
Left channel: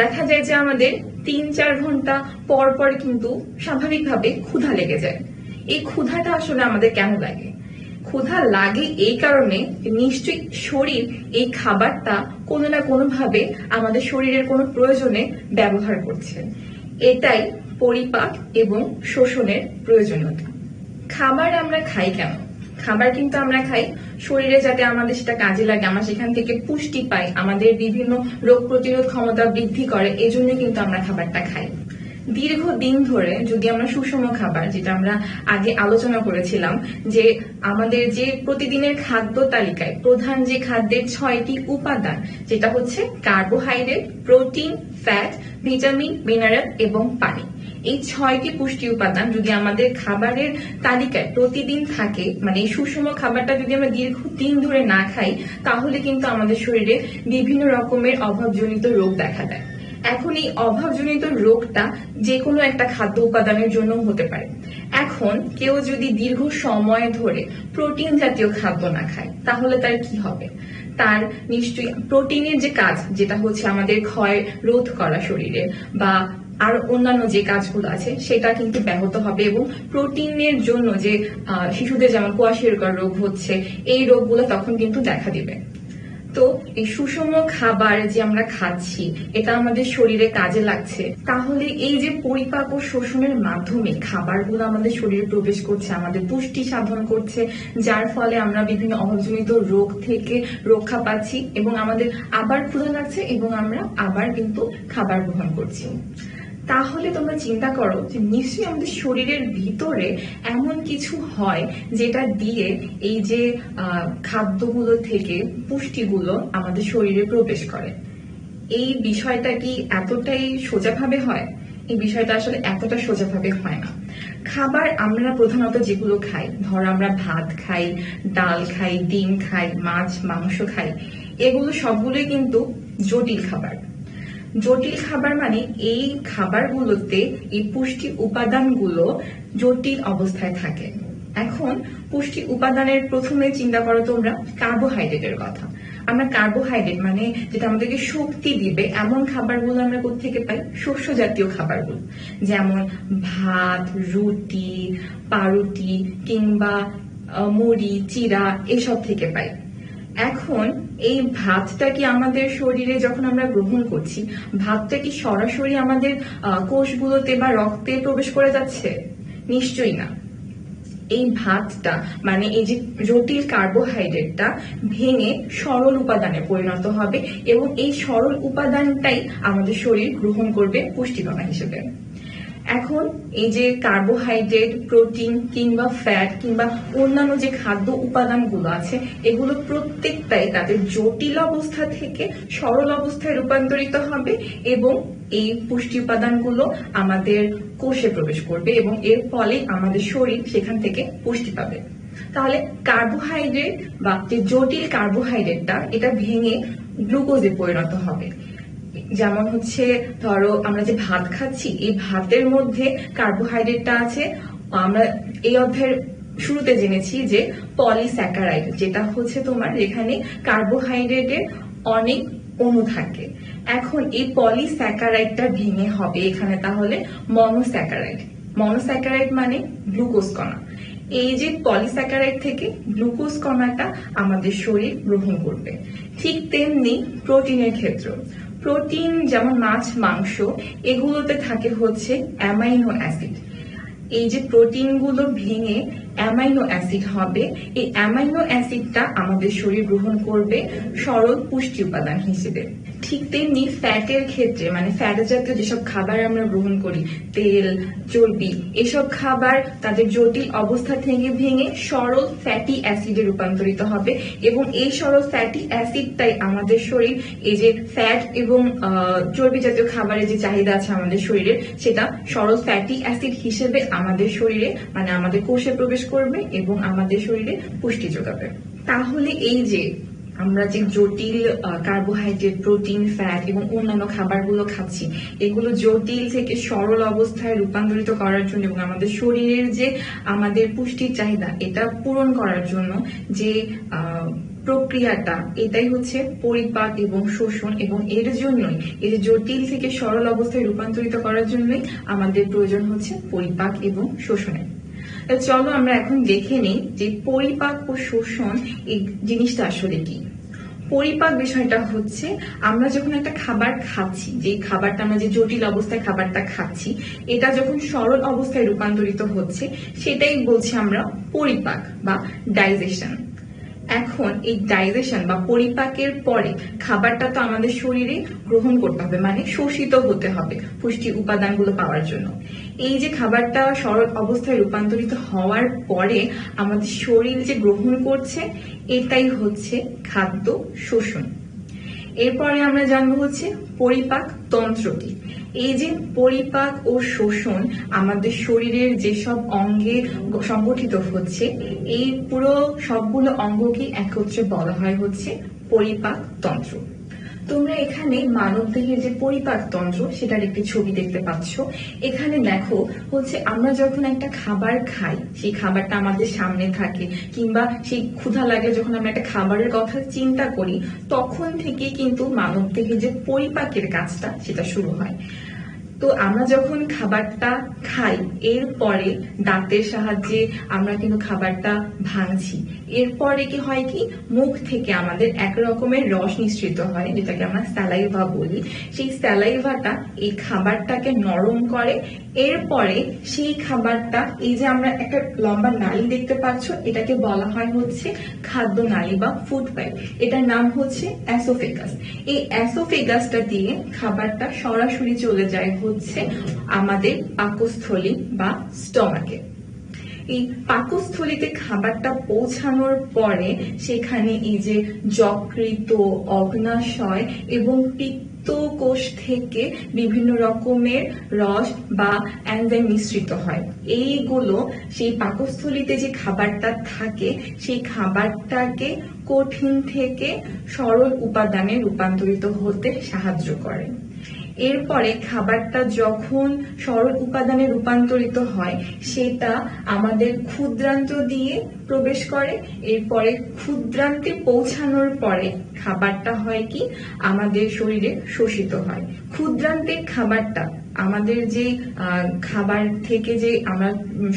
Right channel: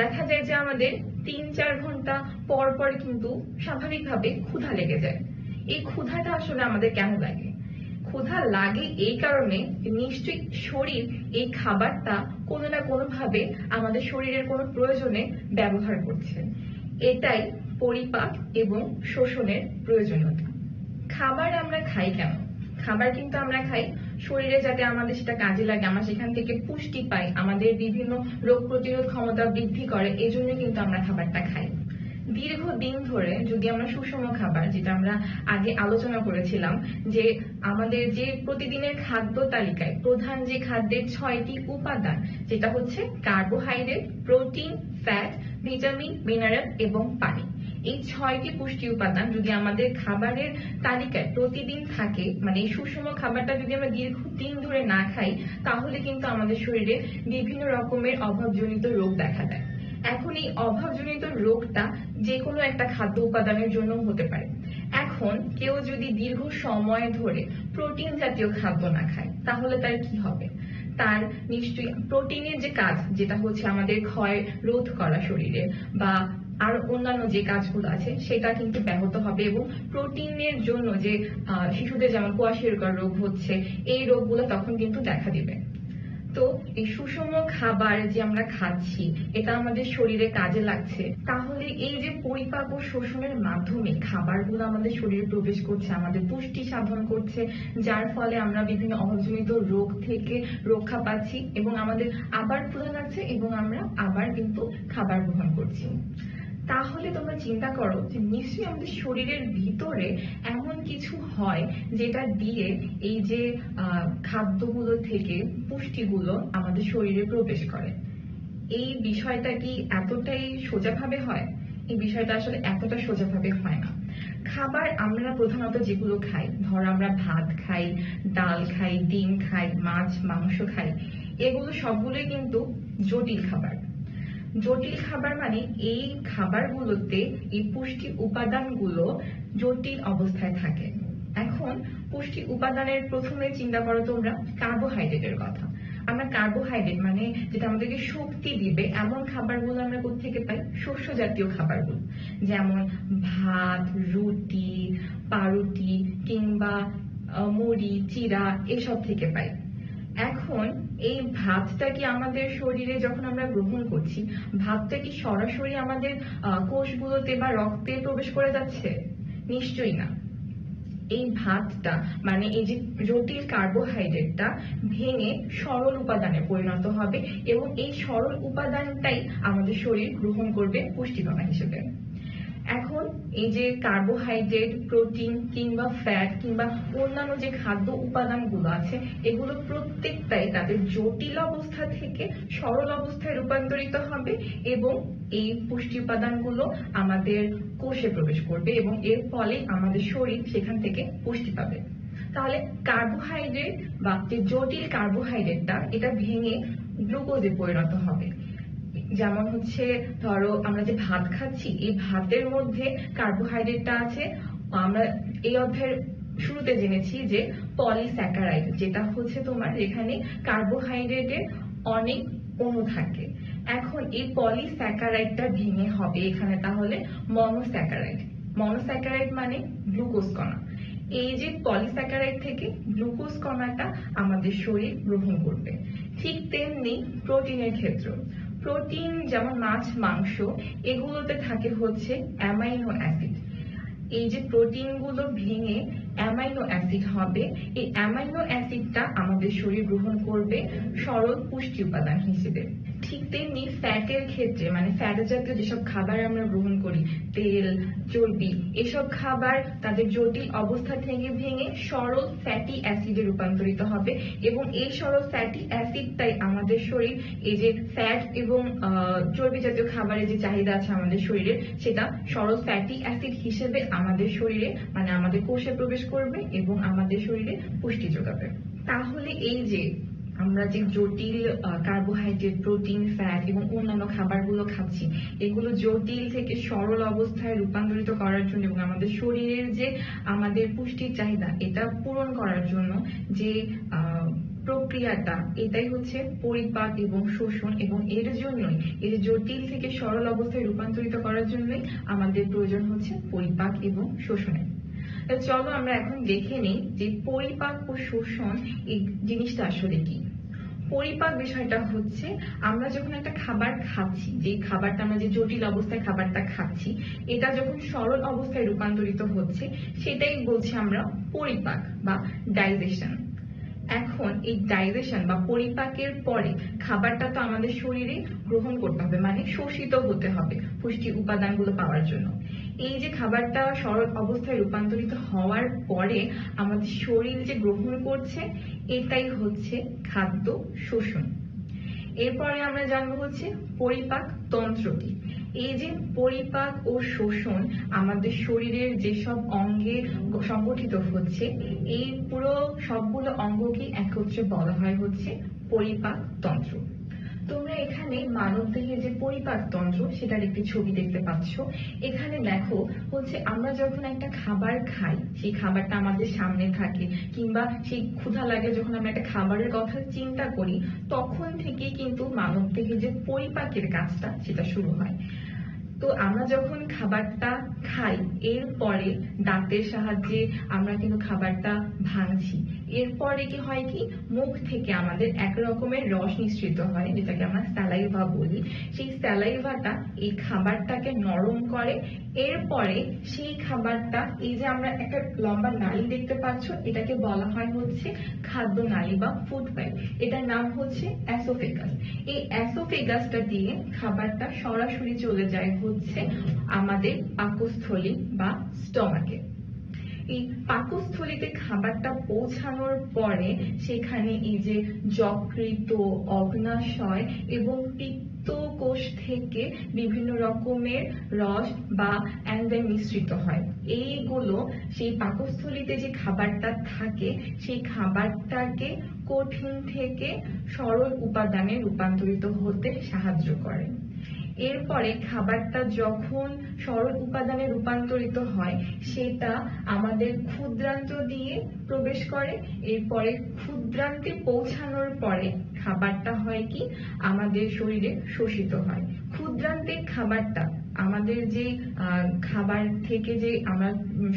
দেখা যায় যে আমাদের ৩-৪ ঘন্টা পর পর কিন্তু স্বাভাবিকভাবে ক্ষুধা লেগে যায়। এই ক্ষুধাটা আসলে আমাদের কেন লাগে? ক্ষুধা লাগে এই কারণে নিশ্চয়ই শরীর এই খাবারটা কোনো না কোনো ভাবে আমাদের শরীরের কোনো প্রয়োজনে ব্যবহার করছে। এটাই পরিপাক এবং শোষণের প্রয়োজনীয়তা। খাবার আমরা খাই কেন? খাবার কিন্তু আমরা খাই শরীরে যাতে আমাদের সেটা কাজে লাগে, আমরা সেখান থেকে পুষ্টি পাই, আমাদের বিভিন্ন রোগ প্রতিরোধ ক্ষমতা বৃদ্ধি করে, এজন্য কিন্তু আমরা খাবারটা খাই। দীর্ঘদিন ধরে যদি আমরা সুষম খাবার, যেটা আমরা আগে আলোচনা করেছিলাম, যে আমাদের যে প্রতিদিনের খাদ্য তালিকায় প্রধান যে খাদ্যের ৬টি উপাদান, যেটা হচ্ছে carbohydrate, protein, fat, vitamin, mineral এবং পানি, এই ৬টি পুষ্টি উপাদান যদি আমাদের খাবারের তালিকায় প্রতিদিন থাকে, মানে এই সুষম খাবারটা যদি আমরা দীর্ঘদিন ধরে না খাই, তাহলে কিন্তু আমাদের শরীরে বিভিন্ন রকমের অভাবজনিত রোগ দেখা দেয়। এখন এই অভাবজনিত রোগটা যে কোনো একটা খাদ্য উপাদানের জন্য হতে পারে। এখন কেউ যদি দীর্ঘ সময় ধরে প্রোটিন জাতীয় খাদ্য না খায়, তাহলে তার কি হবে? তার নিশ্চয়ই প্রোটিনের যে কাজ, যেটা হচ্ছে আমাদের ক্ষয় রোধ করা শরীরে বা আর অন্যান্য যে কাজগুলো আছে, সেটা কিন্তু ব্যাহত হবে এবং প্রোটিনের জন্য যে শিশুদের যেমন কোয়াশিরকর রোগ হচ্ছে, এই রোগগুলো তখন কিন্তু দেখা দিবে। তো এই সুষম খাবার যে আমরা খাচ্ছি, এটা আমাদের শরীরে কাজে লাগছে, তাহলে এই যে পরিপাক ও শোষণের মাধ্যমে খাবারগুলো আমাদের শরীরে প্রবেশ করছে, আমাদের পুষ্টি সাধন করছে, যার ফলে আমরা বিভিন্ন অভাবজনিত রোগ থেকে রক্ষা পাচ্ছি এবং আমাদের আবার ক্ষুধা লাগছে এবং আমরা আবার কিন্তু খাবার গ্রহণ করছি। তাহলে তোমরা চিন্তা করো যে নিশ্চয়ই আমাদের শরীরের ভিতরে এমন কিছু হয় যেটা দিয়ে এই যে খাদ্যগুলো থেকে পুষ্টিগুলো আমাদের শরীরে প্রবেশ করে। এই বিষয়টা কি এতটাই সোজাভাবে হয়? এই বিষয়টা আসলে এতটা সোজাভাবে হয় না। খাবার আমরা প্রধানত যেগুলো খাই, ধরো আমরা ভাত খাই, ডাল খাই, ডিম খাই, মাছ মাংস খাই, এগুলো সবগুলোই কিন্তু জটিল খাবার। জটিল খাবার মানে এই খাবারগুলোতে এই পুষ্টি উপাদানগুলো জটিল অবস্থায় থাকে। এখন পুষ্টি উপাদানের প্রথমে চিন্তা করো তোমরা কার্বোহাইড্রেটের কথা। আমরা কার্বোহাইড্রেট মানে যেটা আমাদেরকে শক্তি দিবে এমন খাবারগুলো আমরা কোত্থেকে পাই? শস্য জাতীয় খাবারগুলো, যেমন ভাত, রুটি, পাউরুটি কিংবা মুড়ি, চিড়া, এসব থেকে পাই। এখন এই ভাতটা কি আমাদের শরীরে যখন আমরা গ্রহণ করছি, ভাতটা কি সরাসরি আমাদের কোষগুলোতে বা রক্তে প্রবেশ করে যাচ্ছে? নিশ্চয়ই না। এই ভাতটা মানে এই যে জটিল কার্বোহাইড্রেটটা ভেঙে সরল উপাদানে পরিণত হবে এবং এই সরল উপাদানটাই আমাদের শরীর গ্রহণ করবে পুষ্টিকণা হিসেবে। এখন এই যে কার্বোহাইড্রেট, প্রোটিন কিংবা ফ্যাট কিংবা অন্যান্য যে খাদ্য উপাদানগুলো আছে এগুলো প্রত্যেকটাই তাদের জটিল অবস্থা থেকে সরল অবস্থায় রূপান্তরিত হবে এবং এই পুষ্টি উপাদানগুলো আমাদের কোষে প্রবেশ করবে এবং এর ফলে আমাদের শরীর সেখান থেকে পুষ্টি পাবে। তাহলে কার্বোহাইড্রেট বা যে জটিল কার্বোহাইড্রেটটা এটা ভেঙে গ্লুকোজে পরিণত হবে। যেমন হচ্ছে ধরো আমরা যে ভাত খাচ্ছি এই ভাতের মধ্যে কার্বোহাইড্রেটটা আছে, আমরা এই অধ্যায়ের শুরুতে জেনেছি যে পলিস্যাকারাইড, যেটা হচ্ছে তোমার যেখানে কার্বোহাইড্রেটের অনেক অণু থাকে। এখন এই পলিস্যাকারাইডটা ভেঙে হবে এখানে তাহলে মনোস্যাকারাইড। মনোস্যাকারাইড মানে গ্লুকোজ কণা। এই যে পলিস্যাকারাইড থেকে গ্লুকোজ কণাটা আমাদের শরীর গ্রহণ করবে। ঠিক তেমনি প্রোটিনের ক্ষেত্র, প্রোটিন যেমন মাছ, মাংস এগুলোতে থাকে হচ্ছে অ্যামাইনো অ্যাসিড। এই যে প্রোটিনগুলো ভেঙে অ্যামাইনো অ্যাসিড হবে, এই অ্যামাইনো অ্যাসিডটা আমাদের শরীর গ্রহণ করবে সরল পুষ্টি উপাদান হিসেবে। ঠিক তেমনি ফ্যাটের ক্ষেত্রে মানে ফ্যাট জাতীয় যেসব খাবার আমরা গ্রহণ করি, তেল, চর্বি, এসব খাবার তাদের জটিল অবস্থা থেকে ভেঙে সরল ফ্যাটি অ্যাসিডে রূপান্তরিত হবে এবং এই সরল ফ্যাটি অ্যাসিডটাই আমাদের শরীর এই যে ফ্যাট এবং চর্বি জাতীয় খাবারের যে চাহিদা আছে আমাদের শরীরে সেটা সরল ফ্যাটি অ্যাসিড হিসেবে আমাদের শরীরে মানে আমাদের কোষে প্রবেশ করবে এবং আমাদের শরীরে পুষ্টি যোগাবে। তাহলে এই যে আমরা যে জটিল কার্বোহাইড্রেট, প্রোটিন, ফ্যাট এবং অন্যান্য খাবারগুলো খাচ্ছি এগুলো জটিল থেকে সরল অবস্থায় রূপান্তরিত করার জন্য এবং আমাদের শরীরের যে আমাদের পুষ্টির চাহিদা এটা পূরণ করার জন্য যে প্রক্রিয়াটা এটাই হচ্ছে পরিপাক এবং শোষণ, এবং এর জন্যই এই যে জটিল থেকে সরল অবস্থায় রূপান্তরিত করার জন্যই আমাদের প্রয়োজন হচ্ছে পরিপাক এবং শোষণের। চলো আমরা এখন দেখে নিই যে পরিপাক ও শোষণ এই জিনিসটা আসলে কি। পরিপাক বিষয়টা হচ্ছে আমরা যখন একটা খাবার খাচ্ছি, যে খাবারটা আমরা যে জটিল অবস্থায় খাবারটা খাচ্ছি এটা যখন সরল অবস্থায় রূপান্তরিত হচ্ছে সেটাই বলছি আমরা পরিপাক বা ডাইজেশন। এখন এই ডাইজেশন বা পরিপাকের পরে খাবারটা তো আমাদের শরীরে গ্রহণ করতে হবে মানে শোষিত হতে হবে পুষ্টি উপাদানগুলো পাওয়ার জন্য। এই যে খাবারটা সরল অবস্থায় রূপান্তরিত হওয়ার পরে আমাদের শরীর যে গ্রহণ করছে এটাই হচ্ছে খাদ্য শোষণ। এরপরে আমরা জানবো হচ্ছে পরিপাক তন্ত্র কি। এই যে পরিপাক ও শোষণ আমাদের শরীরের যেসব অঙ্গে সংগঠিত হচ্ছে এই পুরো সবগুলো অঙ্গকে একত্রে বলা হয় হচ্ছে পরিপাক তন্ত্র। তোমরা এখানে মানবদেহের যে পরিপাক তন্ত্র সেটার একটি ছবি দেখতে পাচ্ছ। এখানে দেখো হচ্ছে আমরা যখন একটা খাবার খাই সেই খাবারটা আমাদের সামনে থাকে কিংবা সেই ক্ষুধা লাগলে যখন আমরা একটা খাবারের কথা চিন্তা করি তখন থেকে কিন্তু মানবদেহের যে পরিপাকের কাজটা সেটা শুরু হয়। তো আমরা যখন খাবারটা খাই এরপরে দাঁতের সাহায্যে আমরা কিন্তু খাবারটা ভাঙছি, এরপরে কি হয় কি মুখ থেকে আমাদের এক রকমের রস নিঃসৃত হয় যেটাকে আমরা স্যালাইভা বলি। সেই স্যালাইভাটা এই খাবারটাকে নরম করে, এরপরে সেই খাবারটা এই যে আমরা একটা লম্বা নালী দেখতে পাচ্ছ এটাকে বলা হয় হচ্ছে খাদ্য নালী বা ফুড পাইপ, এটার নাম হচ্ছে অ্যাসোফেগাস। এই অ্যাসোফেগাসটা দিয়ে খাবারটা সরাসরি চলে যায় হচ্ছে আমাদের পাকস্থলী বা স্টমাকে। এই পাকস্থলীতে খাবারটা পৌঁছানোর পরে সেখানে এই যে যকৃত, অগ্ন্যাশয় এবং পিত্তকোষ থেকে বিভিন্ন রকমের রস বা এনজাইম মিশ্রিত হয়। এইগুলো সেই পাকস্থলীতে যে খাবারটা থাকে সেই খাবারটাকে কঠিন থেকে সরল উপাদানে রূপান্তরিত হতে সাহায্য করে। এরপরে খাবারটা যখন সরল উপাদানে রূপান্তরিত হয় সেটা আমাদের ক্ষুদ্রান্ত দিয়ে প্রবেশ করে, এরপরে ক্ষুদ্রান্তে পৌঁছানোর পরে খাবারটা হয় কি আমাদের শরীরে শোষিত হয়। ক্ষুদ্রান্তের খাবারটা আমাদের যে খাবার থেকে যে আমরা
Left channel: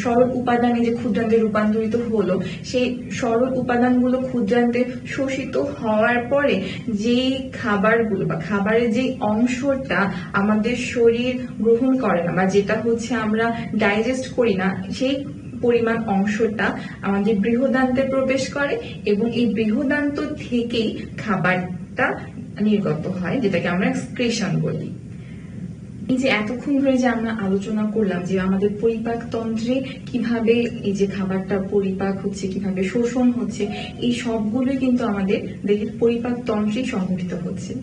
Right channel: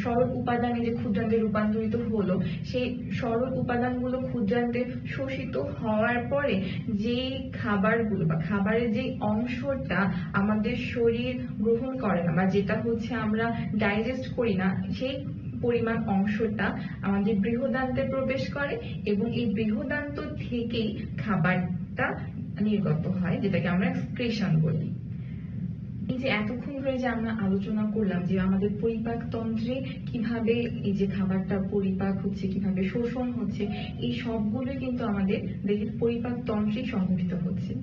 সরল উপাদানে যে ক্ষুদ্রান্তে রূপান্তরিত হলো সেই সরল উপাদানগুলো ক্ষুদ্রান্তে শোষিত হওয়ার পরে যেই খাবারগুলো বা খাবারের যে অংশটা আমাদের শরীর গ্রহণ করে না বা যেটা হচ্ছে আমরা ডাইজেস্ট করি না সেই পরিমাণ অংশটা আমাদের বৃহদান্তে প্রবেশ করে এবং এই বৃহদান্ত থেকেই খাবারটা নির্গত হয়, যেটাকে আমরা এক্সক্রিশন বলি। এই যে এতক্ষণ ধরে যে আমরা আলোচনা করলাম যে আমাদের পরিপাক তন্ত্রে কিভাবে এই যে খাবারটা পরিপাক হচ্ছে, কিভাবে শোষণ হচ্ছে, এই সবগুলোই কিন্তু আমাদের দেহের পরিপাক তন্ত্রে সংঘটিত হচ্ছে।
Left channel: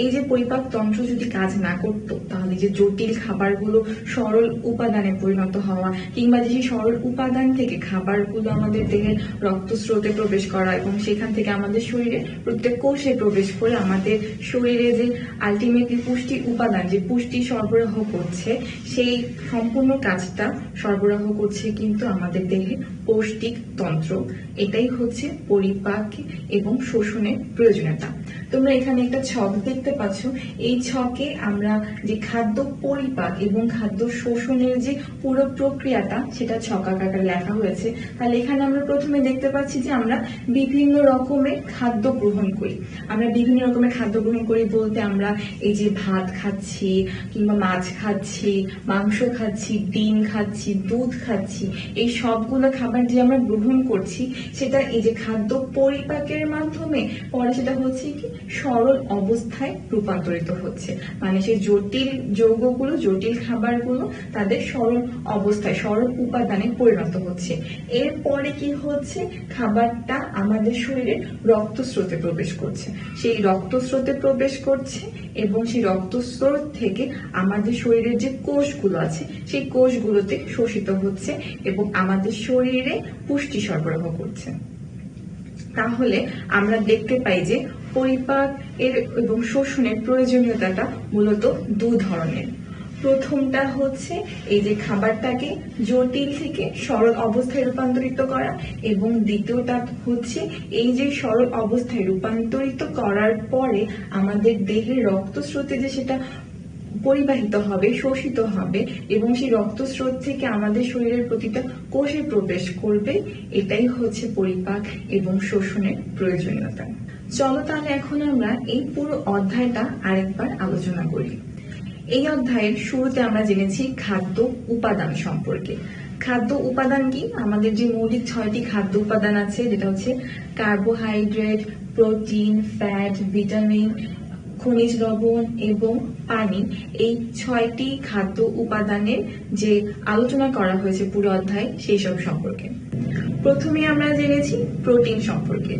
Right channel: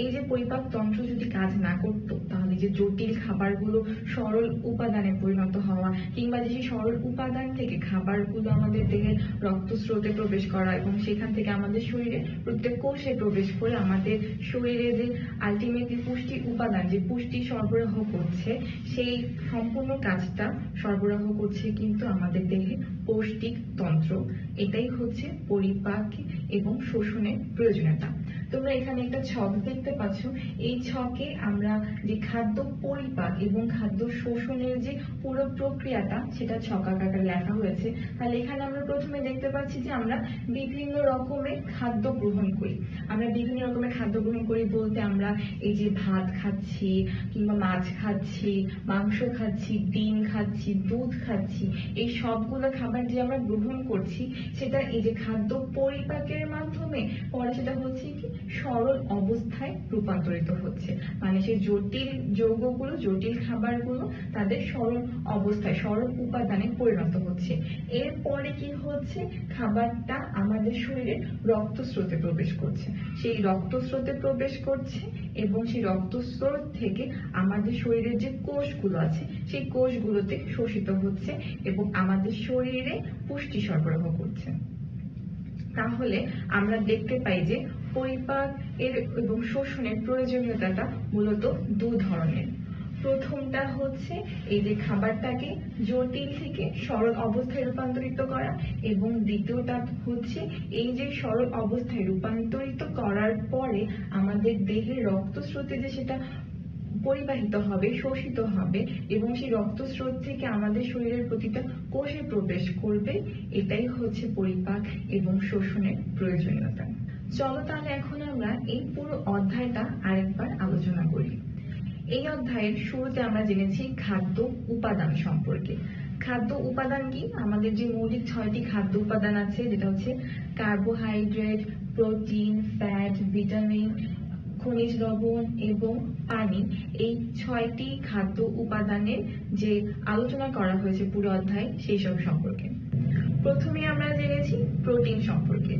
এই যে পরিপাক তন্ত্র যদি কাজ না করতো, তাহলে যে জটিল খাবারগুলো সরল উপাদানে পরিণত হওয়া, কিংবা যে সরল উপাদান থেকে খাবারগুলো আমাদের দেহের রক্তস্রোতে প্রবেশ করা এবং সেখান থেকে আমাদের শরীরে প্রত্যেক কোষে প্রবেশ করে আমাদের শরীরে যে আলটিমেটলি পুষ্টি উপাদান, যে পুষ্টি সরবরাহ করছে, সেই সম্পূর্ণ কাজটা সরবরাহ করছে কিন্তু আমাদের দেহে পৌষ্টিক তন্ত্র। এটাই হচ্ছে পরিপাক এবং শোষণের প্রয়োজনীয়তা। তোমরা এখানে একটা ছক দেখতে পাচ্ছ, এই ছকে আমরা যে খাদ্য পরিপাক এবং খাদ্য শোষণের যে পুরো প্রক্রিয়াটা সেটা ছক আকারে লেখা হয়েছে। তাহলে এখানে আমরা প্রথমে দেখতে পাচ্ছি যে আমরা বিভিন্ন রকমের খাদ্য গ্রহণ করি। আমরা বিভিন্ন রকমের খাদ্য গ্রহণ করি বলতে আমরা এই যে ভাত খাচ্ছি, কিংবা মাছ খাচ্ছি, মাংস খাচ্ছি, ডিম খাচ্ছি, দুধ খাচ্ছি, এই সবগুলো খাবার যে আমরা গ্রহণ করছি সেটা এই যে খাদ্য পরিপাকের মাধ্যমে পরে সেটা হচ্ছে কি সরল অবস্থায় রূপান্তরিত হচ্ছে। মানে সেই জটিল যৌগগুলো, জটিল খাবারগুলো তাদের সরল অবস্থায়, সরল উপাদানে পরিণত হচ্ছে। এরপরে কি হচ্ছে, খাবারটা আমাদের শরীরে রক্তস্রোতে প্রবেশ করছে। সেই রক্তস্রোতে প্রবেশ করছে এবং সেই রক্তস্রোত থেকে আমাদের শরীরের যে কোষগুলো আছে সেই কোষগুলোতে শোষিত হচ্ছে এবং আমাদের শরীরে পুষ্টি সরবরাহ করছে। তাহলে আমরা দেখতে পাই যে পরিপাক এর এবং শোষণের প্রয়োজনীয়তাটা মূলত দুই ধরনের। প্রথমটা হচ্ছে এই যে খাবারটাকে জটিল থেকে সরল অবস্থায় রূপান্তরিত করা, এবং দ্বিতীয়টা হচ্ছে এই যে সরল অবস্থায় রূপান্তরিত করার পরে আমাদের দেহের রক্তস্রোতে যে সেটা পরিবাহিত হবে, শোষিত হবে এবং সেই রক্তস্রোত থেকে আমাদের শরীরের প্রতিটা কোষে প্রবেশ করবে। এটাই হচ্ছে পরিপাক এবং শোষণের প্রয়োজনীয়তা। চলো তাহলে এখন আমরা এই পুরো অধ্যায়টা আরেকবার আলোচনা করি। এই অধ্যায়ের শুরুতে আমরা জেনেছি খাদ্য উপাদান সম্পর্কে। খাদ্য উপাদান কি? আমাদের যে মৌলিক 6টি খাদ্য উপাদান আছে, যেটা হচ্ছে কার্বোহাইড্রেট, প্রোটিন, ফ্যাট, ভিটামিন, খনিজ লবণ এবং পানি। এই 6টি খাদ্য উপাদানের যে আলোচনা করা হয়েছে পুরো অধ্যায়, সেই সব সম্পর্কে। প্রথমে আমরা জেনেছি প্রোটিন সম্পর্কে।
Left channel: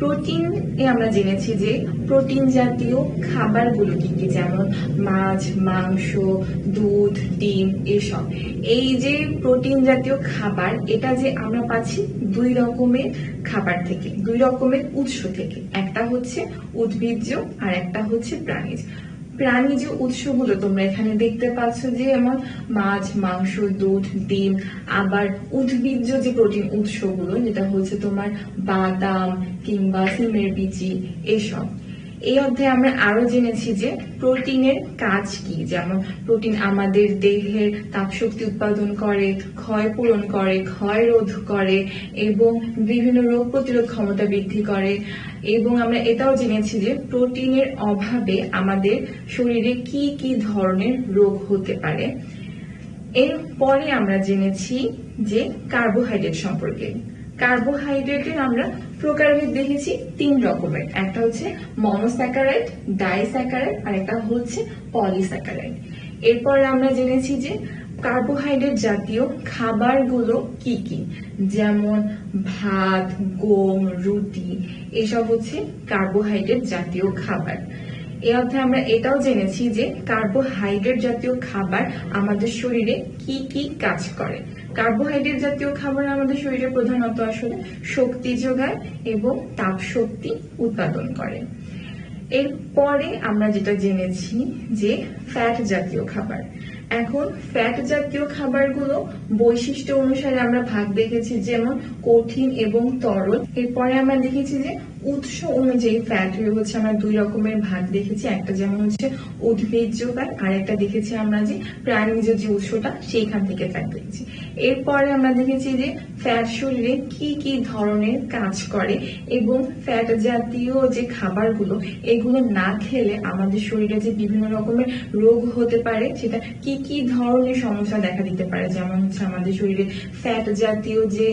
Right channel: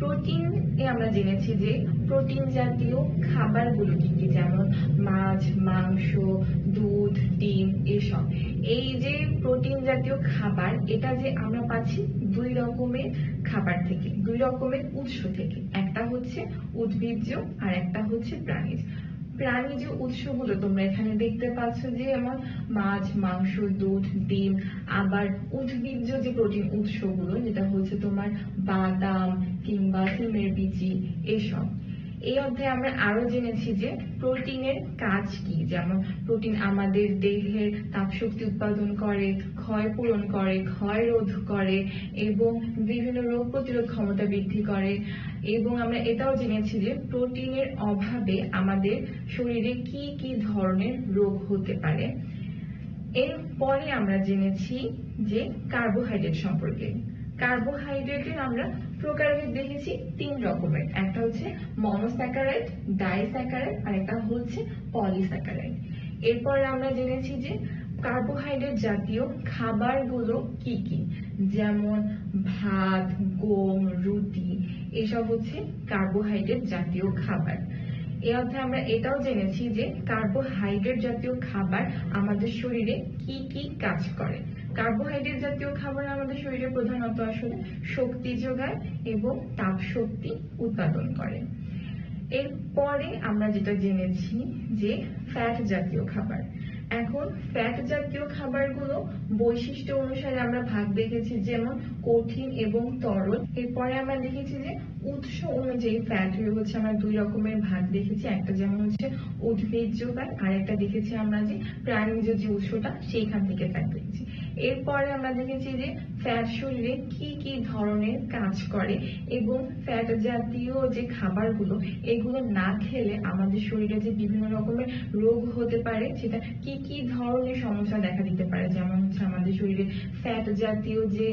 প্রোটিন এ আমরা জেনেছি যে প্রোটিন জাতীয় খাবারগুলো কি কি, যেমন মাছ, মাংস, দুধ, ডিম, এসব। এই যে প্রোটিন জাতীয় খাবার, এটা যে আমরা পাচ্ছি দুই রকমের খাবার থেকে, দুই রকমের উৎস থেকে। একটা হচ্ছে উদ্ভিজ্জ আর একটা হচ্ছে প্রাণীজ। প্রাণীজ উৎসগুলো তোমরা এখানে দেখতে পাচ্ছ, যে যেমন মাছ, মাংস, দুধ, ডিম। আবার উদ্ভিজ্জ যে প্রোটিন উৎসগুলো, যেটা হচ্ছে তোমার বাদাম কিংবা সিমের বিচি, এসব। এই অধ্যায়ে আমরা আরো জেনেছি যে প্রোটিনের কাজ কি, যেমন প্রোটিন আমাদের দেহের তাপশক্তি উৎপাদন করে, ক্ষয় পূরণ করে, ক্ষয় রোধ করে এবং বিভিন্ন রোগ প্রতিরোধ ক্ষমতা বৃদ্ধি করে। এবং আমরা এটাও জেনেছি যে প্রোটিনের অভাবে আমাদের শরীরে কি কি ধরনের রোগ হতে পারে। এরপরে আমরা জেনেছি যে কার্বোহাইড্রেট সম্পর্কে। কার্বোহাইড্রেটের আমরা প্রকারভেদ দেখেছি 3 রকমের। একটা হচ্ছে মনোস্যাকারাইড, ডাইস্যাকারাইড আর একটা হচ্ছে পলিস্যাকারাইড। এরপর আমরা জেনেছি যে কার্বোহাইড্রেট জাতীয় খাবারগুলো কি কি, যেমন ভাত, গম, রুটি, এসব হচ্ছে কার্বোহাইড্রেট জাতীয় খাবার। এই অধ্যায়ে আমরা এটাও জেনেছি যে কার্বোহাইড্রেট জাতীয় খাবার আমাদের শরীরে কি কি কাজ করে। কার্বোহাইড্রেট জাতীয় খাবার আমাদের শরীরে প্রধানত আসলে শক্তি যোগায় এবং তাপ শক্তি উৎপাদন করে। এরপরে আমরা যেটা জেনেছি যে ফ্যাট জাতীয় খাবার। এখন ফ্যাট জাতীয় খাবারগুলো বৈশিষ্ট্য অনুসারে আমরা ভাগ দেখেছি, যেমন কঠিন এবং তরল। এরপরে আমরা দেখেছি যে উৎস অনুযায়ী ফ্যাট হচ্ছে আমরা দুই রকমের ভাগ দেখেছি, একটা যেমন হচ্ছে উদ্ভিজ্জ ফ্যাট, আর একটা দেখেছি আমরা যে প্রাণীজ যে উৎসটা সেইখান থেকে ফ্যাট দেখেছি। এরপরে আমরা দেখেছি যে ফ্যাট শরীরে কি কি ধরনের কাজ করে এবং ফ্যাট জাতীয় যে খাবারগুলো এগুলো না খেলে আমাদের শরীরে যে বিভিন্ন রকমের রোগ হতে পারে, সেটা কি কি ধরনের সমস্যা দেখা দিতে পারে। যেমন হচ্ছে আমাদের শরীরে ফ্যাট জাতীয় যে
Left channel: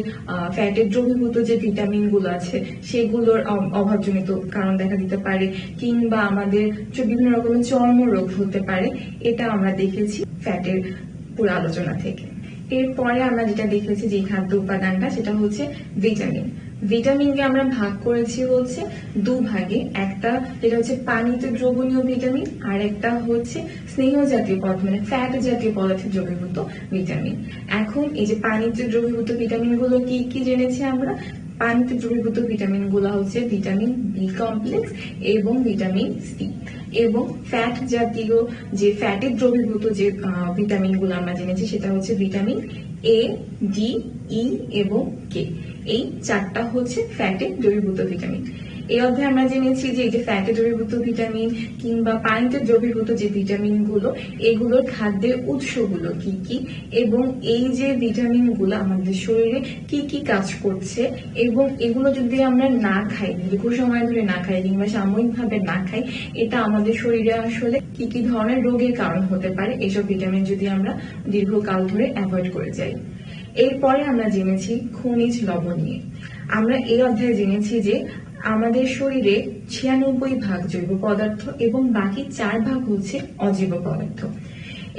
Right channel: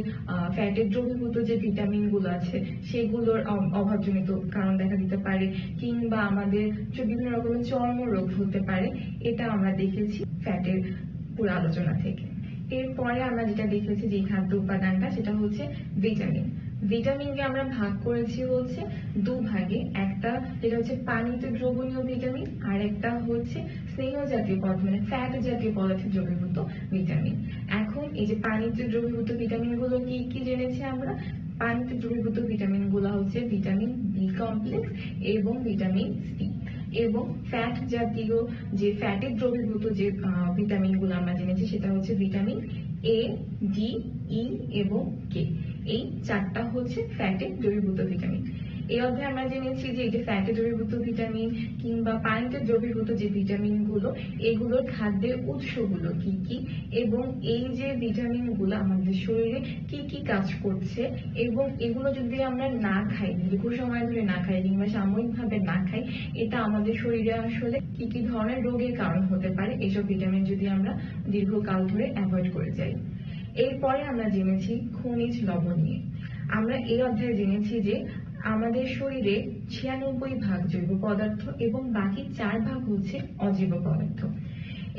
ফ্যাটের দ্রবীভূত যে ভিটামিন গুলো আছে সেগুলোর অভাবজনিত কারণ দেখা দিতে পারে, কিংবা আমাদের যে বিভিন্ন রকমের চর্ম রোগ হতে পারে। এটা আমরা দেখেছি ফ্যাটের পুরো আলোচনা থেকে। এরপরে আমরা যেটা দেখেছি যে খাদ্য উপাদানটা, সেটা হচ্ছে ভিটামিন। ভিটামিনকে আমরা ভাগ করেছি হচ্ছে দুভাগে, একটা যেটা হচ্ছে পানিতে দ্রবণীয় ভিটামিন, আর একটা হচ্ছে স্নেহ জাতীয় পদার্থ মানে ফ্যাট জাতীয় পদার্থে দ্রবীভূত ভিটামিন। এখন এই যে পানিতে দ্রবীভূত ভিটামিন গুলো কি কি জেনেছি আমরা। পানিতে দ্রবীভূত ভিটামিন গুলো হচ্ছে ভিটামিন বি কমপ্লেক্স এবং ভিটামিন সি, এবং ফ্যাট জাতীয় যে ফ্যাটে দ্রবীভূত যে ভিটামিন গুলো আমরা জেনেছি সেটা হচ্ছে ভিটামিন এ, ডি, ই এবং কে। এই চারটা হচ্ছে ফ্যাটে দ্রবীভূত ভিটামিন। এই অধ্যায়ে আমরা জেনেছি যে এই যে ফ্যাটে দ্রবীভূত ভিটামিন কিংবা পানিতে দ্রবীভূত যে ভিটামিন গুলো, এগুলোর খাদ্যের উৎসগুলো কি কি, এবং এই যে ভিটামিন গুলো আমাদের শরীরে কি কি কাজ করছে, এবং এগুলো যদি আমরা না খাই, দীর্ঘ সময় ধরে না খাই কিংবা সাময়িকভাবে না খাই, এটা আমাদের শরীরে আসলে কি কি ধরনের রোগের কারণ হতে পারে এইসব ভিটামিন যদি আমরা দীর্ঘকাল ধরে অ্যাভয়েড করে যাই। এরপরে আমরা জেনেছি খনিজ লবণ নিয়ে। আমরা এই অধ্যায়ে জেনেছি যে আমাদের শরীরে 96 ভাগ জৈব পদার্থ এবং বাকি 4 ভাগ হচ্ছে অজৈব পদার্থ,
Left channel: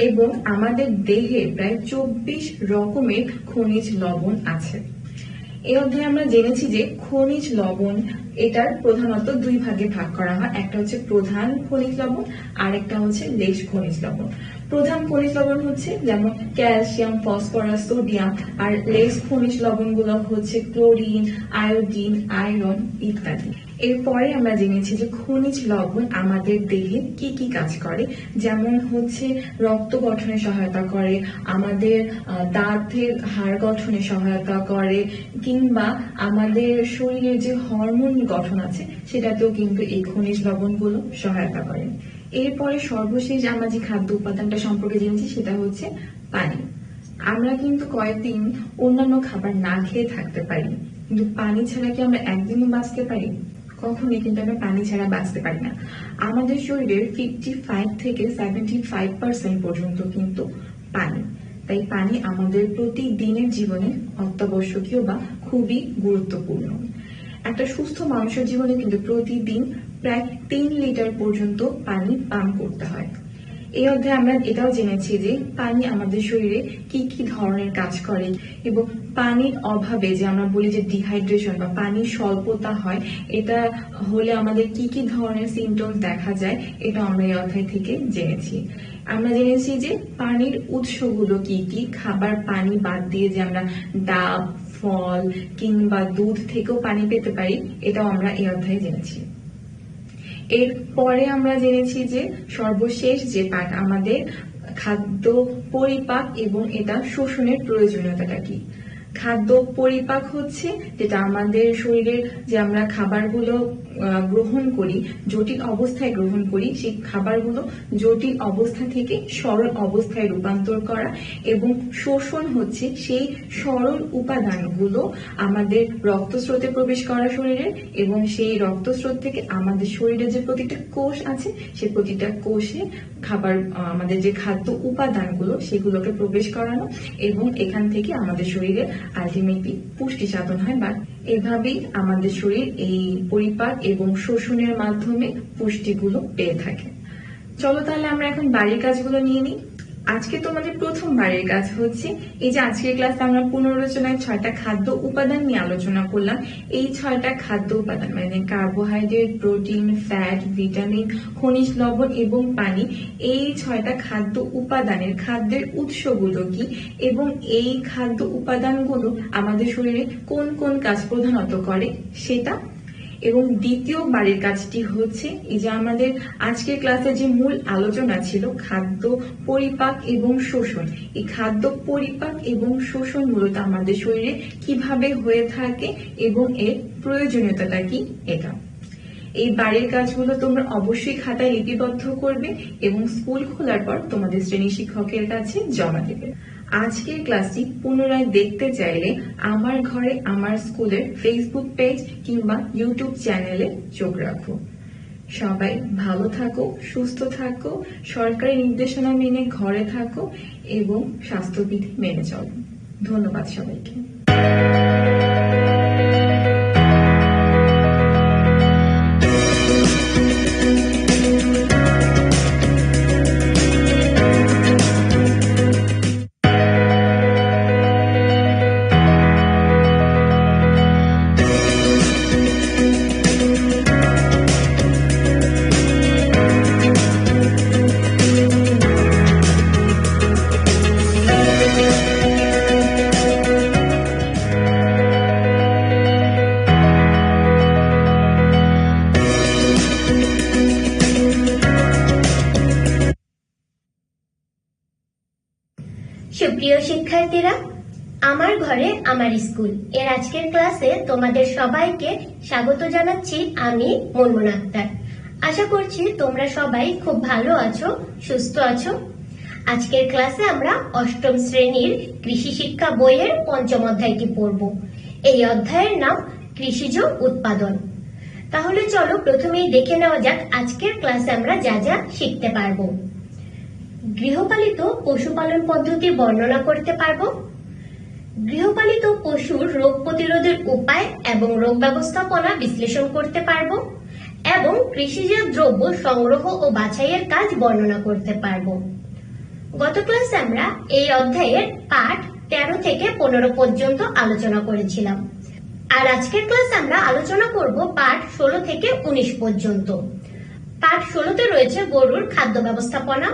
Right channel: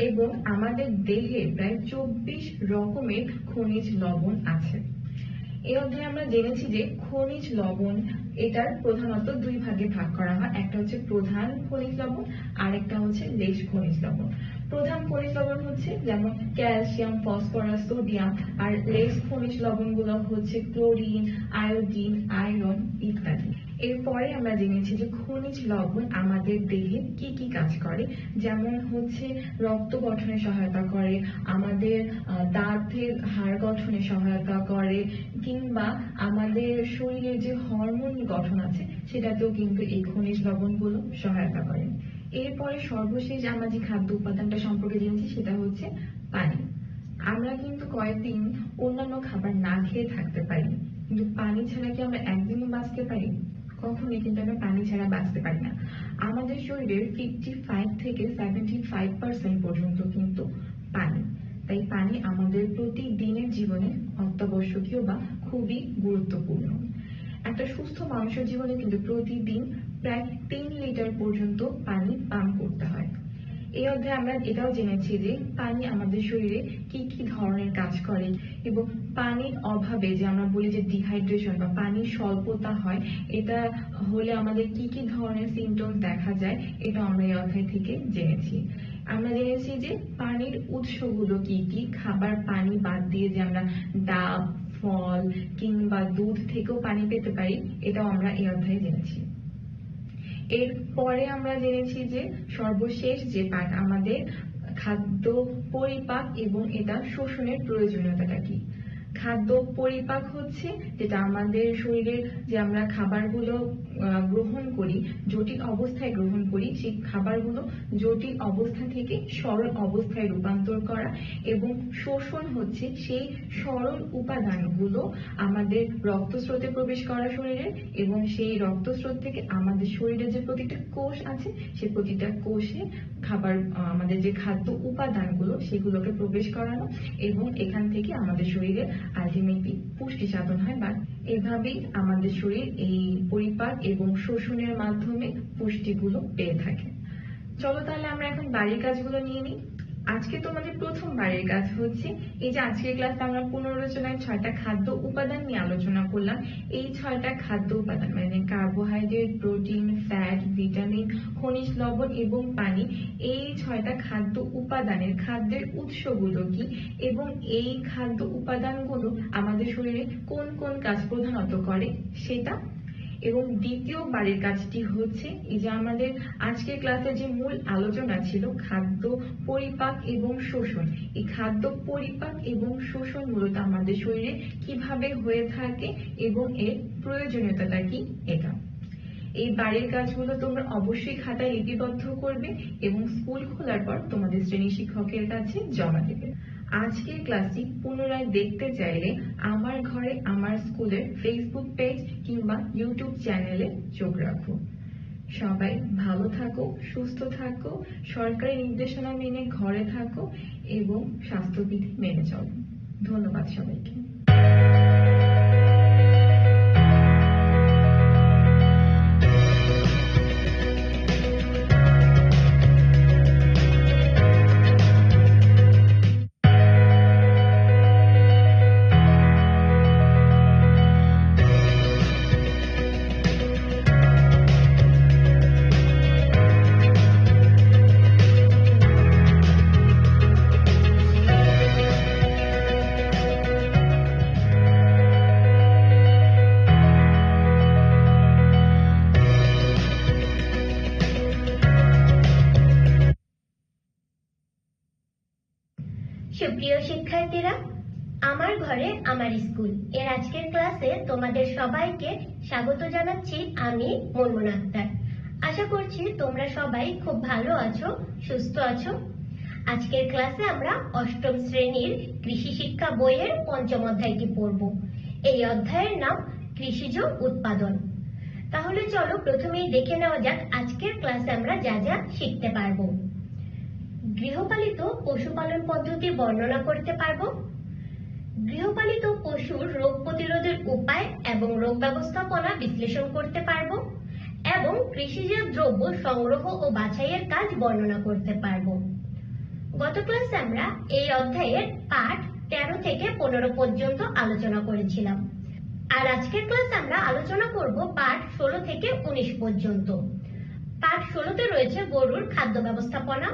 এবং আমাদের দেহে প্রায় 24 রকমের খনিজ লবণ আছে। এই অধ্যায়ে আমরা জেনেছি যে খনিজ লবণ এটার প্রধানত দুই ভাগে ভাগ করা হয়, একটা হচ্ছে প্রধান খনিজ লবণ আর একটা হচ্ছে লেশ খনিজ লবণ। প্রধান খনিজ লবণ হচ্ছে যেমন ক্যালসিয়াম, ফসফরাস, সোডিয়াম, আর লেশ খনিজ লবণ গুলো হচ্ছে ক্লোরিন, আয়োডিন, আয়রন ইত্যাদি। এরপরে আমরা জেনেছি যে খনিজ লবণ আমাদের দেহে কি কি কাজ করে, যেমন হচ্ছে রক্ত গঠনে সহায়তা করে, আমাদের দাঁতের হাড় গঠনে সহায়তা করে, কিংবা আমাদের শরীরের যে হরমোন গঠন আছে সেটাতেও কিন্তু এই খনিজ লবণগুলো সহায়তা করে। এরপরে সর্বশেষ আমরা যে খাদ্য উপাদানটা সম্পর্কে জেনেছি সেটা হচ্ছে পানি। আমরা কিন্তু কয়েকদিন অন্যান্য খাবার না খেয়ে থাকতে পারি, কিন্তু পানি ছাড়া কি আমরা একদিনও বাঁচতে পারি? কখনোই কিন্তু আমরা পানি ছাড়া বাঁচতে পারি না। আমাদের শরীরের 55 থেকে 75% পর্যন্ত কিন্তু পানি। তাই পানি আমাদের প্রতিদিনের জীবনে অত্যাবশ্যকীয় বা খুবই গুরুত্বপূর্ণ। একটা সুস্থ মানুষের জীবনে কিন্তু প্রতিদিন প্রায় 3 লিটার পর্যন্ত পানি পান করতে হয়। এই অধ্যায়ে আমরা এটাও জেনেছি যে পানি আমাদের শরীরে কি কি ধরনের কাজ করে, এবং পানির অভাবে যে আমরা বলি যে ডিহাইড্রেশন বা পানির স্বল্পতা হয়, এটা হলে আমাদের কি কি ধরনের সিমটমস দেখা যায়, এটা আমরা এই অধ্যায় থেকে জেনেছি। আমরা জেনেছি যে পানির উৎসগুলো কি কি, খাবার পানি বাদ দিয়ে যে আমরা ডাব, ফল কিংবা দুধ থেকেও পানি পেতে পারি, এটাও আমরা এই অধ্যায়ে জেনেছি। এরপরে আমরা জেনেছি যে সর্বশেষ যে পার্ট আমাদের খাদ্য পরিপাক এবং এটা শোষণের প্রয়োজনীয়তাটা কি। খাদ্য পরিপাক হচ্ছে যেটা আমাদের শরীরের যে আমরা খাবারগুলো গ্রহণ করি, জটিল অবস্থায় গ্রহণ করি, সেই খাবারগুলো জটিল অবস্থা থেকে সরল অবস্থায় রূপান্তর করা, এবং শোষণ হচ্ছে সেই সরল উপাদানগুলো আমাদের রক্তস্রোতে প্রবেশ করা শরীরে, এবং সেই রক্তস্রোত থেকে আমাদের শরীরে যে প্রতিটা কোষ আছে সেই প্রতিটা কোষে খাবার আমাদের যে খাদ্য উপাদানগুলো সেগুলোকে প্রবেশ করানো, এবং এখান থেকে আমাদের শরীরে আলটিমেটলি পুষ্টি সাধন হয়। বা এভাবেই আমাদের শরীর এই পরিপাক এবং শোষণের মাধ্যমে পুষ্টিগুলো পেয়ে থাকে। চলো তাহলে আমরা এখন বাড়ির কাজগুলো নিয়ে নিই। আজকে তোমাদের প্রথম বাড়ির কাজ হচ্ছে এই যে আজকের ক্লাসে আমরা পুনরালোচনায় 6টা খাদ্য উপাদান নিয়ে আলোচনা করলাম। এই 6টা খাদ্য উপাদান মানে কার্বোহাইড্রেট, প্রোটিন, ফ্যাট, ভিটামিন, খনিজ লবণ এবং পানি, এই 6টা খাদ্য উপাদানের খাদ্যের উৎসগুলো কি, এবং এই খাদ্য উপাদানগুলো আমাদের শরীরে কোন কোন কাজ প্রধানত করে সেটা। এবং দ্বিতীয় বাড়ির কাজটি হচ্ছে এই যে আমাদের আজকের ক্লাসে যে মূল আলোচনা ছিল খাদ্য পরিপাক এবং শোষণ, এই খাদ্য পরিপাক এবং শোষণ মূলত আমাদের শরীরে কিভাবে হয়ে থাকে এবং এর প্রয়োজনীয়তাটা কি এটা। এই বাড়ির কাজগুলো তোমরা অবশ্যই খাতায় লিপিবদ্ধ করবে এবং স্কুল খোলার পর তোমাদের শ্রেণী শিক্ষকের কাছে জমা দেবে। আজকের ক্লাসটি পুনরায় দেখতে চাইলে আমার ঘরে আমার স্কুলের ফেসবুক পেজ কিংবা ইউটিউব চ্যানেলে চোখ রাখো। সবাই ভালো থাকো, সুস্থ থাকো, সরকারি নির্দেশনা মেনে ঘরে থাকো এবং স্বাস্থ্যবিধি মেনে চলো। ধন্যবাদ সবাইকে। সুপ্রিয় শিক্ষার্থীরা, আমার ঘরে আমার স্কুল এর আজকের ক্লাসে তোমাদের সবাইকে স্বাগত জানাচ্ছি। আমি মুনমুন আক্তার। আশা করছি তোমরা সবাই খুব ভালো আছো, সুস্থ আছো। আজকের ক্লাসে আমরা অষ্টম শ্রেণীর কৃষি শিক্ষা বইয়ের পঞ্চম অধ্যায়টি পড়ব। এই অধ্যায়ের নাম কৃষিজ উৎপাদন। তাহলে চলো প্রথমেই দেখে নেওয়া যাক আজকের ক্লাসে আমরা যা যা শিখতে পারবো। গৃহপালিত পশুপালন পদ্ধতি বর্ণনা করতে পারবো। গৃহপালিত পশুর রোগ প্রতিরোধের উপায় এবং রোগ ব্যবস্থাপনা বিশ্লেষণ করতে পারবো এবং কৃষিজাত দ্রব্য সংগ্রহ ও বাছাইয়ের কাজ বর্ণনা করতে পারবো। গত ক্লাসে আমরা এই অধ্যায়ের পাঠ 13 থেকে 15 পর্যন্ত আলোচনা করেছিলাম, আর আজকের ক্লাসে আমরা আলোচনা করব পাঠ 16 থেকে 19 পর্যন্ত। পাঠ 16তে রয়েছে গরুর খাদ্য ব্যবস্থাপনা,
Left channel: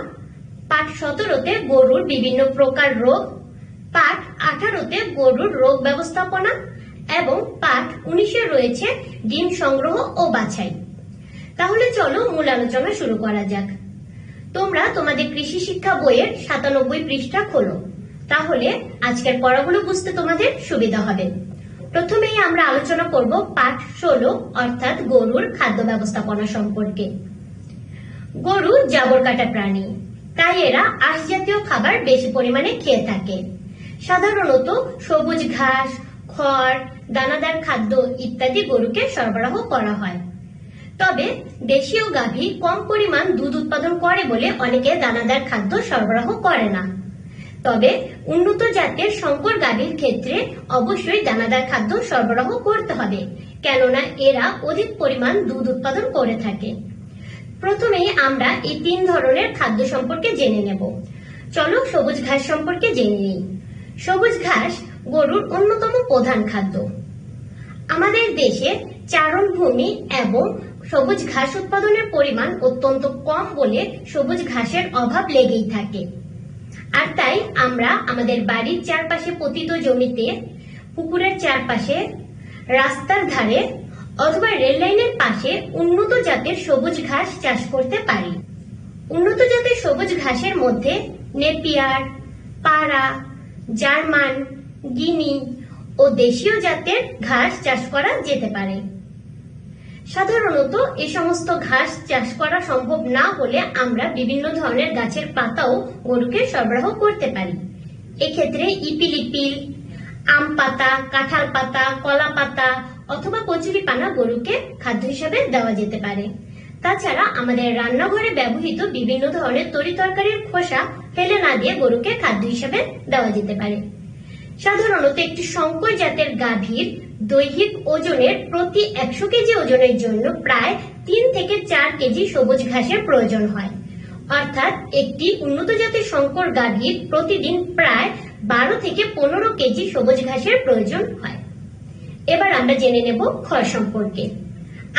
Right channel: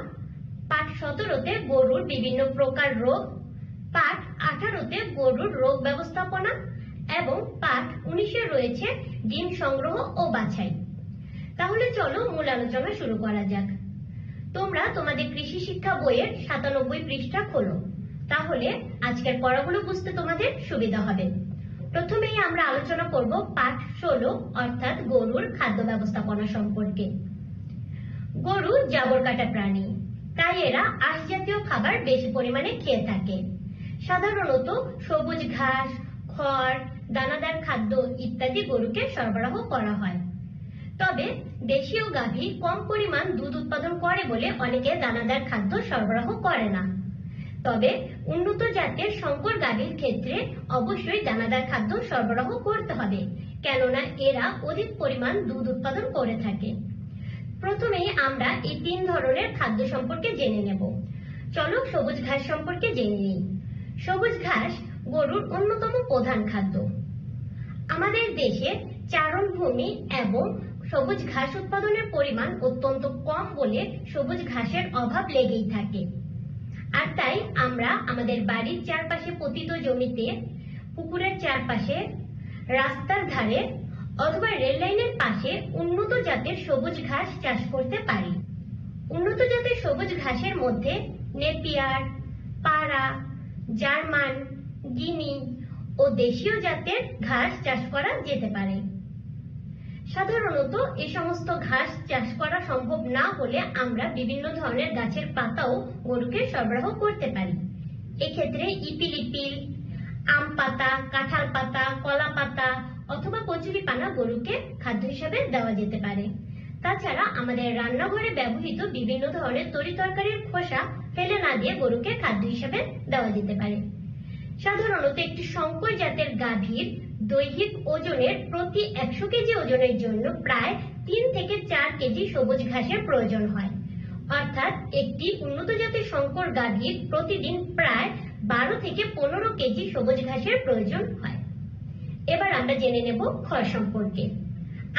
পাঠ 17তে গরুর বিভিন্ন প্রকার রোগ, পাঠ 18তে গরুর রোগ ব্যবস্থাপনা এবং পাঠ 19-এ রয়েছে ডিম সংগ্রহ ও বাছাই। তাহলে চলো মূল আলোচনা শুরু করা যাক। তোমরা তোমাদের কৃষি শিক্ষা বইয়ের 97 পৃষ্ঠা খোলো, তাহলে আজকের পড়াগুলো বুঝতে তোমাদের সুবিধা হবে। প্রথমেই আমরা আলোচনা করব পাঠ 16 অর্থাৎ গরুর খাদ্য ব্যবস্থাপনা সম্পর্কে। গরু জাবর কাটা প্রাণী, তাই এরা আঁশ জাতীয় খাবার বেশি পরিমাণে খেয়ে থাকে। সাধারণত সবুজ ঘাস, খড়, দানাদার খাদ্য ইত্যাদি গরুকে সরবরাহ করা হয়। তবে দেশীয় গাভী কম পরিমাণ দুধ উৎপাদন করে বলে অনেকে দানাদার খাদ্য সরবরাহ করে না। তবে উন্নত জাতের শঙ্কর গাভীর ক্ষেত্রে অবশ্যই দানাদার খাদ্য সরবরাহ করতে হবে, কেননা এরা অধিক পরিমাণ দুধ উৎপাদন করে থাকে। প্রথমেই আমরা এই 3 ধরনের খাদ্য সম্পর্কে জেনে নেব। চলো সবুজ ঘাস সম্পর্কে জেনে নিই। সবুজ ঘাস গরুর অন্যতম প্রধান খাদ্য। আমাদের দেশে চারণ ভূমি এবং সবুজ ঘাস উৎপাদনের পরিমাণ অত্যন্ত কম বলে সবুজ ঘাসের অভাব লেগেই থাকে। আর তাই আমরা আমাদের বাড়ির চারপাশে পতিত জমিতে, পুকুরের চারপাশে, রাস্তার ধারে অথবা রেল লাইনের পাশে উন্নত জাতের সবুজ ঘাস চাষ করতে পারি। উন্নত জাতের সবুজ ঘাসের মধ্যে নেপিয়ার, পাড়া, জার্মান, গিনি ও দেশীয় জাতের ঘাস চাষ করা যেতে পারে। সাধারণত এই সমস্ত ঘাস চাষ করা সম্ভব না হলে আমরা বিভিন্ন ধরনের গাছের পাতাও গরুকে সরবরাহ করতে পারি। এক্ষেত্রে ইপিলিপিল, আম পাতা, কাঁঠাল পাতা, কলা পাতা অথবা কচুরি পানা গরুকে খাদ্য হিসেবে দেওয়া যেতে পারে। তাছাড়া আমাদের রান্নাঘরে ব্যবহৃত বিভিন্ন ধরনের তরিতরকারির খোসা ফেলে না দিয়ে গরুকে খাদ্য হিসেবে দেওয়া যেতে পারে। সাধারণত একটি শঙ্কর জাতের গাভীর দৈহিক ওজনের প্রতি 100 কেজি ওজনের জন্য প্রায় 3 থেকে 4 কেজি সবুজ ঘাসের প্রয়োজন হয়। অর্থাৎ একটি উন্নত জাতের শঙ্কর গাভীর প্রতিদিন প্রায় 12 থেকে 15 কেজি সবুজ ঘাসের প্রয়োজন হয়। এবার আমরা জেনে নেব খড় সম্পর্কে।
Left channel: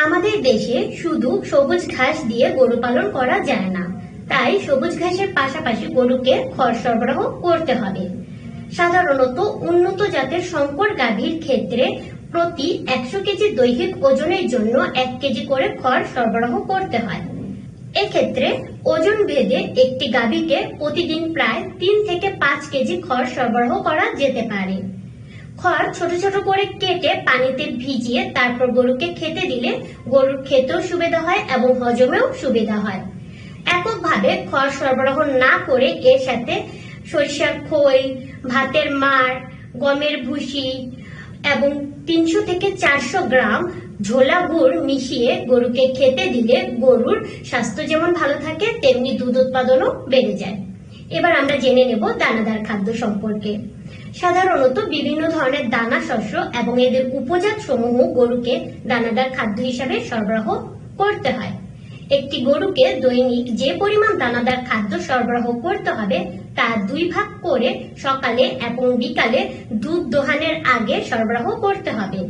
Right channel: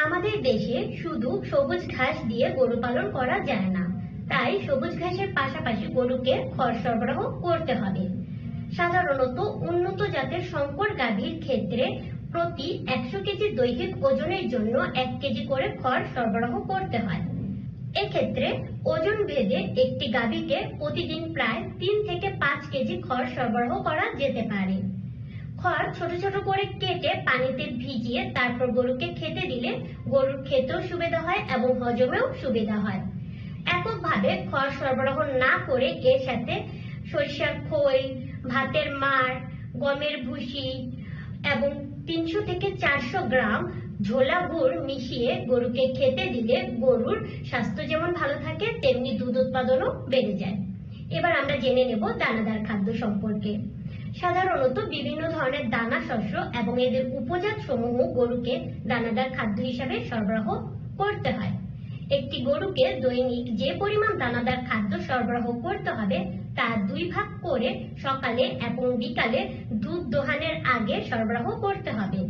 আমাদের দেশে শুধু সবুজ ঘাস দিয়ে গরু পালন করা যায় না, তাই সবুজ ঘাসের পাশাপাশি গরুকে খড় সরবরাহ করতে হবে। সাধারণত উন্নত জাতের শঙ্কর গাভীর ক্ষেত্রে প্রতি 100 কেজি দৈহিক ওজনের জন্য 1 কেজি করে খড় সরবরাহ করতে হয়। এক্ষেত্রে ওজন ভেদে একটি গাভীকে প্রতিদিন প্রায় 3 থেকে 5 কেজি খড় সরবরাহ করা যেতে পারে। খড় ছোট ছোট করে কেটে পানিতে ভিজিয়ে তারপর গরুকে খেতে দিলে গরুর খেতেও সুবিধা হয় এবং হজমেও সুবিধা হয়। এককভাবে খড় সরবরাহ না করে এর সাথে সরিষার খোল, ভাতের মাড়, গমের ভুসি এবং 300 থেকে 400 গ্রাম ঝোলা গুড় মিশিয়ে গরুকে খেতে দিলে গরুর স্বাস্থ্য যেমন ভালো থাকে তেমনি দুধ উৎপাদনও বেড়ে যায়। এবার আমরা জেনে নেব দানাদার খাদ্য সম্পর্কে। সাধারণত বিভিন্ন ধরনের দানা শস্য এবং এদের উপজাত সমূহ গরুকে দানাদার খাদ্য হিসাবে সরবরাহ করতে হয়। একটি গরুকে দৈনিক যে পরিমাণ দানাদার খাদ্য সরবরাহ করতে হবে তা 2 ভাগ করে সকালে এবং বিকালে দুধ দোহানের আগে সরবরাহ করতে হবে।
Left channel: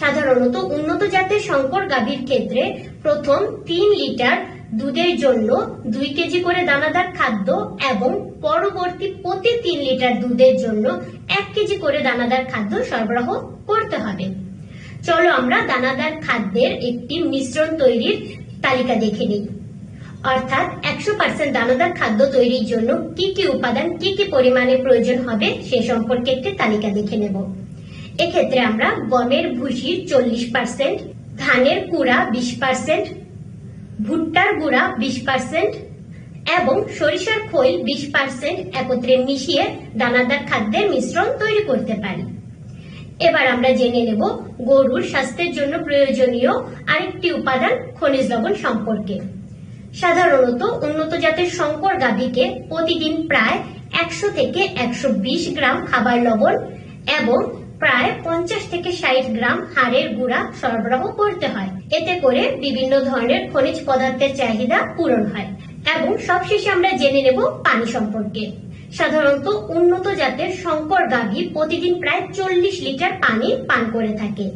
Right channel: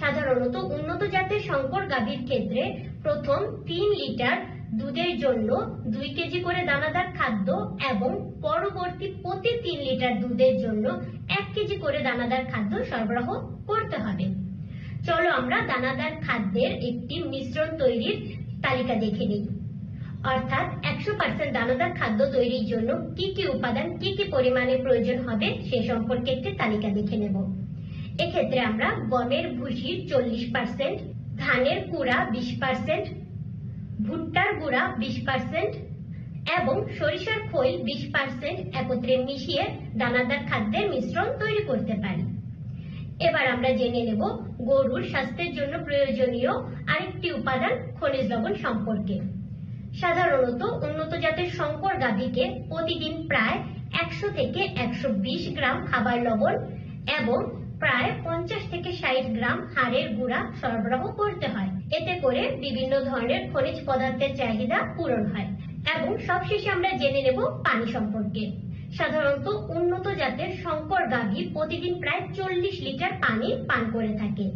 সাধারণত উন্নত জাতের শঙ্কর গাভীর ক্ষেত্রে প্রথম 3 লিটার দুধের জন্য 2 কেজি করে দানাদার খাদ্য এবং পরবর্তী প্রতি 3 লিটার দুধের জন্য 1 কেজি করে দানাদার খাদ্য সরবরাহ করতে হবে। চলো আমরা দানাদার খাদ্যের একটি মিশ্রণ তৈরির তালিকা দেখে নিই। অর্থাৎ 100% দানাদার খাদ্য তৈরির জন্য কি কি উপাদান কি কি পরিমাণে প্রয়োজন হবে সে সম্পর্কে একটি তালিকা দেখে নেব। এক্ষেত্রে আমরা গমের ভুসির 40%, ধানের কুড়া 20%, ভুট্টার গুঁড়া 20% এবং সরিষার খোল 20% একত্রে মিশিয়ে দানাদার খাদ্যের মিশ্রণ তৈরি করতে পারি। এবার আমরা জেনে নেব গরুর স্বাস্থ্যের জন্য প্রয়োজনীয় আরেকটি উপাদান খনিজ লবণ সম্পর্কে। সাধারণত উন্নত জাতের শঙ্কর গাভীকে প্রতিদিন প্রায় 100 থেকে 120 গ্রাম খাবার লবণ এবং প্রায় 50 থেকে 60 গ্রাম হাড়ের গুঁড়া সরবরাহ করতে হয়। এতে করে বিভিন্ন ধরনের খনিজ পদার্থের চাহিদা পূরণ হয়। এবং সবশেষে আমরা জেনে নেব পানি সম্পর্কে। সাধারণত উন্নত জাতের শঙ্কর গাভী প্রতিদিন প্রায় 40 লিটার পানি পান করে থাকে।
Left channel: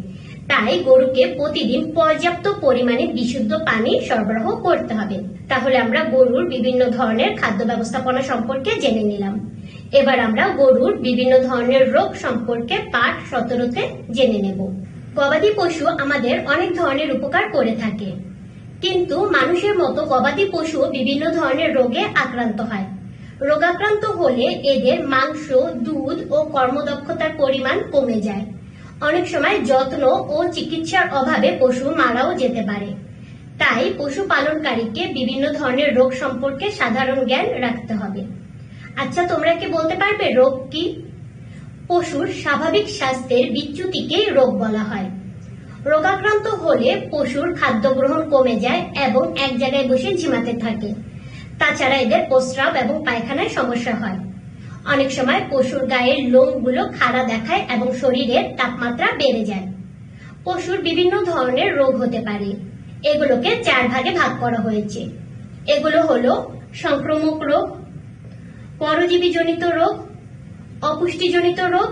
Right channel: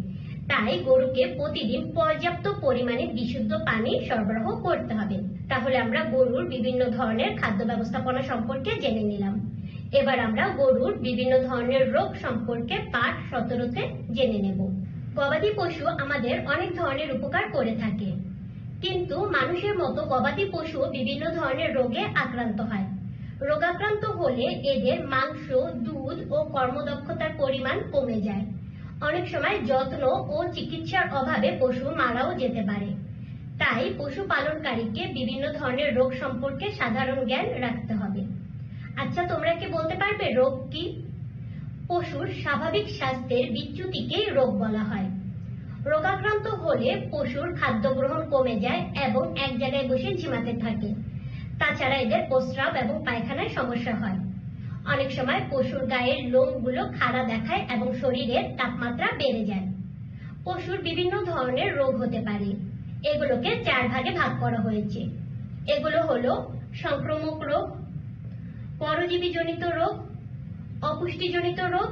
তাই গরুকে প্রতিদিন পর্যাপ্ত পরিমাণে বিশুদ্ধ পানি সরবরাহ করতে হবে। তাহলে আমরা গরুর বিভিন্ন ধরনের খাদ্য ব্যবস্থাপনা সম্পর্কে জেনে নিলাম। এবার আমরা গরুর বিভিন্ন ধরনের রোগ সম্পর্কে পাঠ 17তে জেনে নেব। গবাদি পশু আমাদের অনেক ধরনের উপকার করে থাকে, কিন্তু মানুষের মতো গবাদি পশু বিভিন্ন ধরনের রোগে আক্রান্ত হয়। রোগাক্রান্ত হলে এদের মাংস, দুধ ও কর্মদক্ষতার পরিমাণ কমে যায়। অনেক সময় যত্ন ও চিকিৎসার অভাবে পশু মারাও যেতে পারে। তাই পশু পালনকারীকে বিভিন্ন ধরনের রোগ সম্পর্কে সাধারণ জ্ঞান রাখতে হবে। আচ্ছা, তোমরা কি বলতে পারবে রোগ কি? পশুর স্বাভাবিক স্বাস্থ্যের বিচ্যুতিকে রোগ বলা হয়। রোগাক্রান্ত হলে পশুর খাদ্য গ্রহণ কমে যায় এবং এক জায়গায় বসে ঝিমাতে থাকে। তাছাড়া এদের প্রস্রাব এবং পায়খানায় সমস্যা হয়। অনেক সময় পশুর গায়ের লোমগুলো খাড়া দেখায় এবং শরীরের তাপমাত্রা বেড়ে যায়। পশুর বিভিন্ন ধরনের রোগ হতে পারে। এগুলোকে 4 ভাগে ভাগ করা হয়েছে। এগুলো হলো সংক্রামক রোগ, পরজীবীজনিত রোগ, অপুষ্টিজনিত রোগ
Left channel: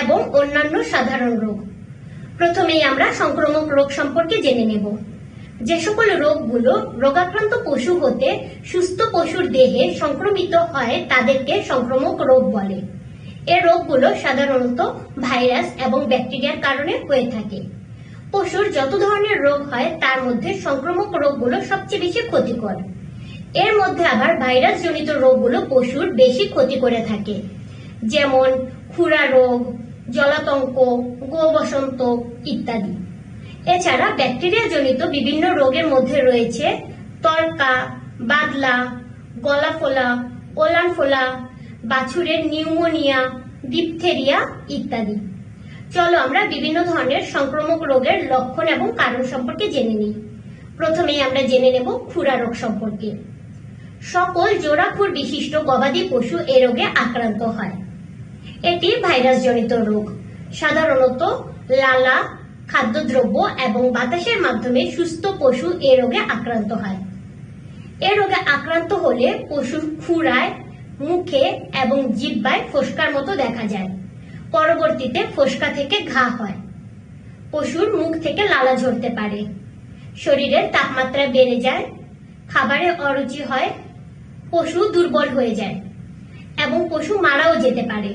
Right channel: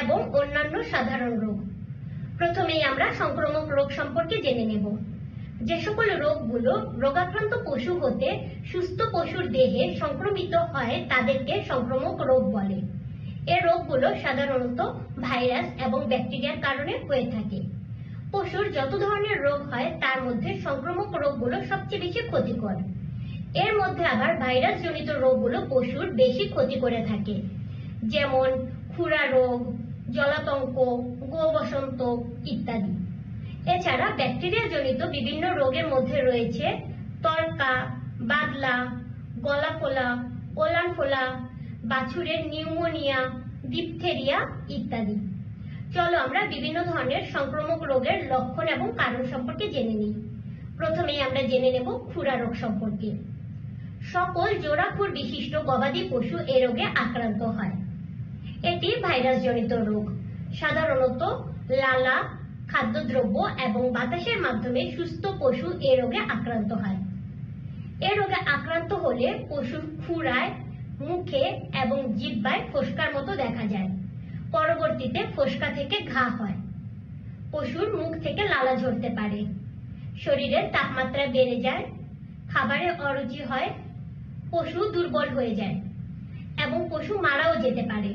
এবং অন্যান্য সাধারণ রোগ। প্রথমেই আমরা সংক্রামক রোগ সম্পর্কে জেনে নেব। যে সকল রোগগুলো রোগাক্রান্ত পশু হতে সুস্থ পশুর দেহে সংক্রমিত হয় তাদেরকে সংক্রামক রোগ বলে। এই রোগগুলো সাধারণত ভাইরাস এবং ব্যাকটেরিয়ার কারণে হয়ে থাকে। পশুর যত ধরনের রোগ হয় তার মধ্যে সংক্রামক রোগগুলো সবচেয়ে বেশি ক্ষতিকর। এর মধ্যে আবার ভাইরাস জনিত রোগগুলো পশুর বেশি ক্ষতি করে থাকে, যেমন খুরা রোগ, জলাতঙ্ক, গো বসন্ত ইত্যাদি। এছাড়া ব্যাকটেরিয়া জনিত বিভিন্ন রোগের মধ্যে রয়েছে তরকা, বাদলা, গলা ফোলা, ওলান ফোলা, বাছুরের নিউমোনিয়া, ডিপথেরিয়া ইত্যাদি। চলো আমরা বিভিন্ন ধরনের সংক্রামক রোগের লক্ষণ এবং কারণ সম্পর্কে জেনে নিই। প্রথমেই আমরা জেনে নেব খুরা রোগ সম্পর্কে। সকল জোড়া খুর বিশিষ্ট গবাদি পশু এ রোগে আক্রান্ত হয়। এটি ভাইরাস জনিত রোগ। সাধারণত লালা, খাদ্যদ্রব্য এবং বাতাসের মাধ্যমে সুস্থ পশু এ রোগে আক্রান্ত হয়। এ রোগে আক্রান্ত হলে পশুর খুরায়, মুখে এবং জিহ্বায় ফোস্কার মতো দেখা যায়। পরবর্তীতে ফোস্কা থেকে ঘা হয়। পশুর মুখ থেকে লালা ঝরতে পারে। শরীরের তাপমাত্রা বেড়ে যায়, খাবারে অরুচি হয়, পশু দুর্বল হয়ে যায় এবং পশু মারাও যেতে পারে।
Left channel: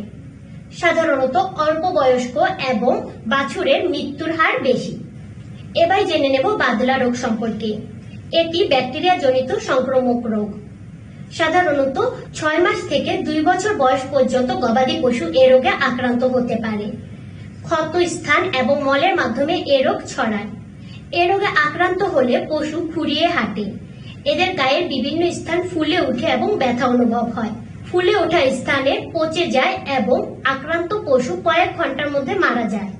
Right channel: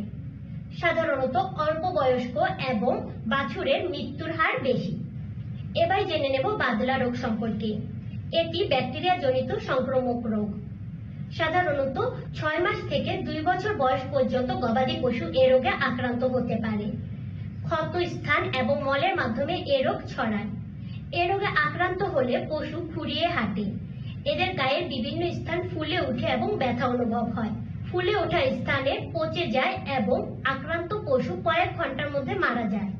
সাধারণত অল্প বয়স্ক এবং বাছুরের মৃত্যুর হার বেশি। এবার জেনে নেব বাদলা রোগ সম্পর্কে। এটি ব্যাকটেরিয়া জনিত সংক্রামক রোগ। সাধারণত 6 মাস থেকে 2 বছর বয়স পর্যন্ত গবাদি পশু এ রোগে আক্রান্ত হতে পারে। ক্ষত স্থান এবং মলের মাধ্যমে এ রোগ ছড়ায়। এ রোগে আক্রান্ত হলে পশু খুঁড়িয়ে হাঁটে। এদের গায়ের বিভিন্ন স্থান ফুলে ওঠে এবং ব্যথা অনুভব হয়। ফুলে ওঠা স্থানে পচে যায় এবং আক্রান্ত পশু কয়েক ঘন্টার মধ্যে মারা যায়।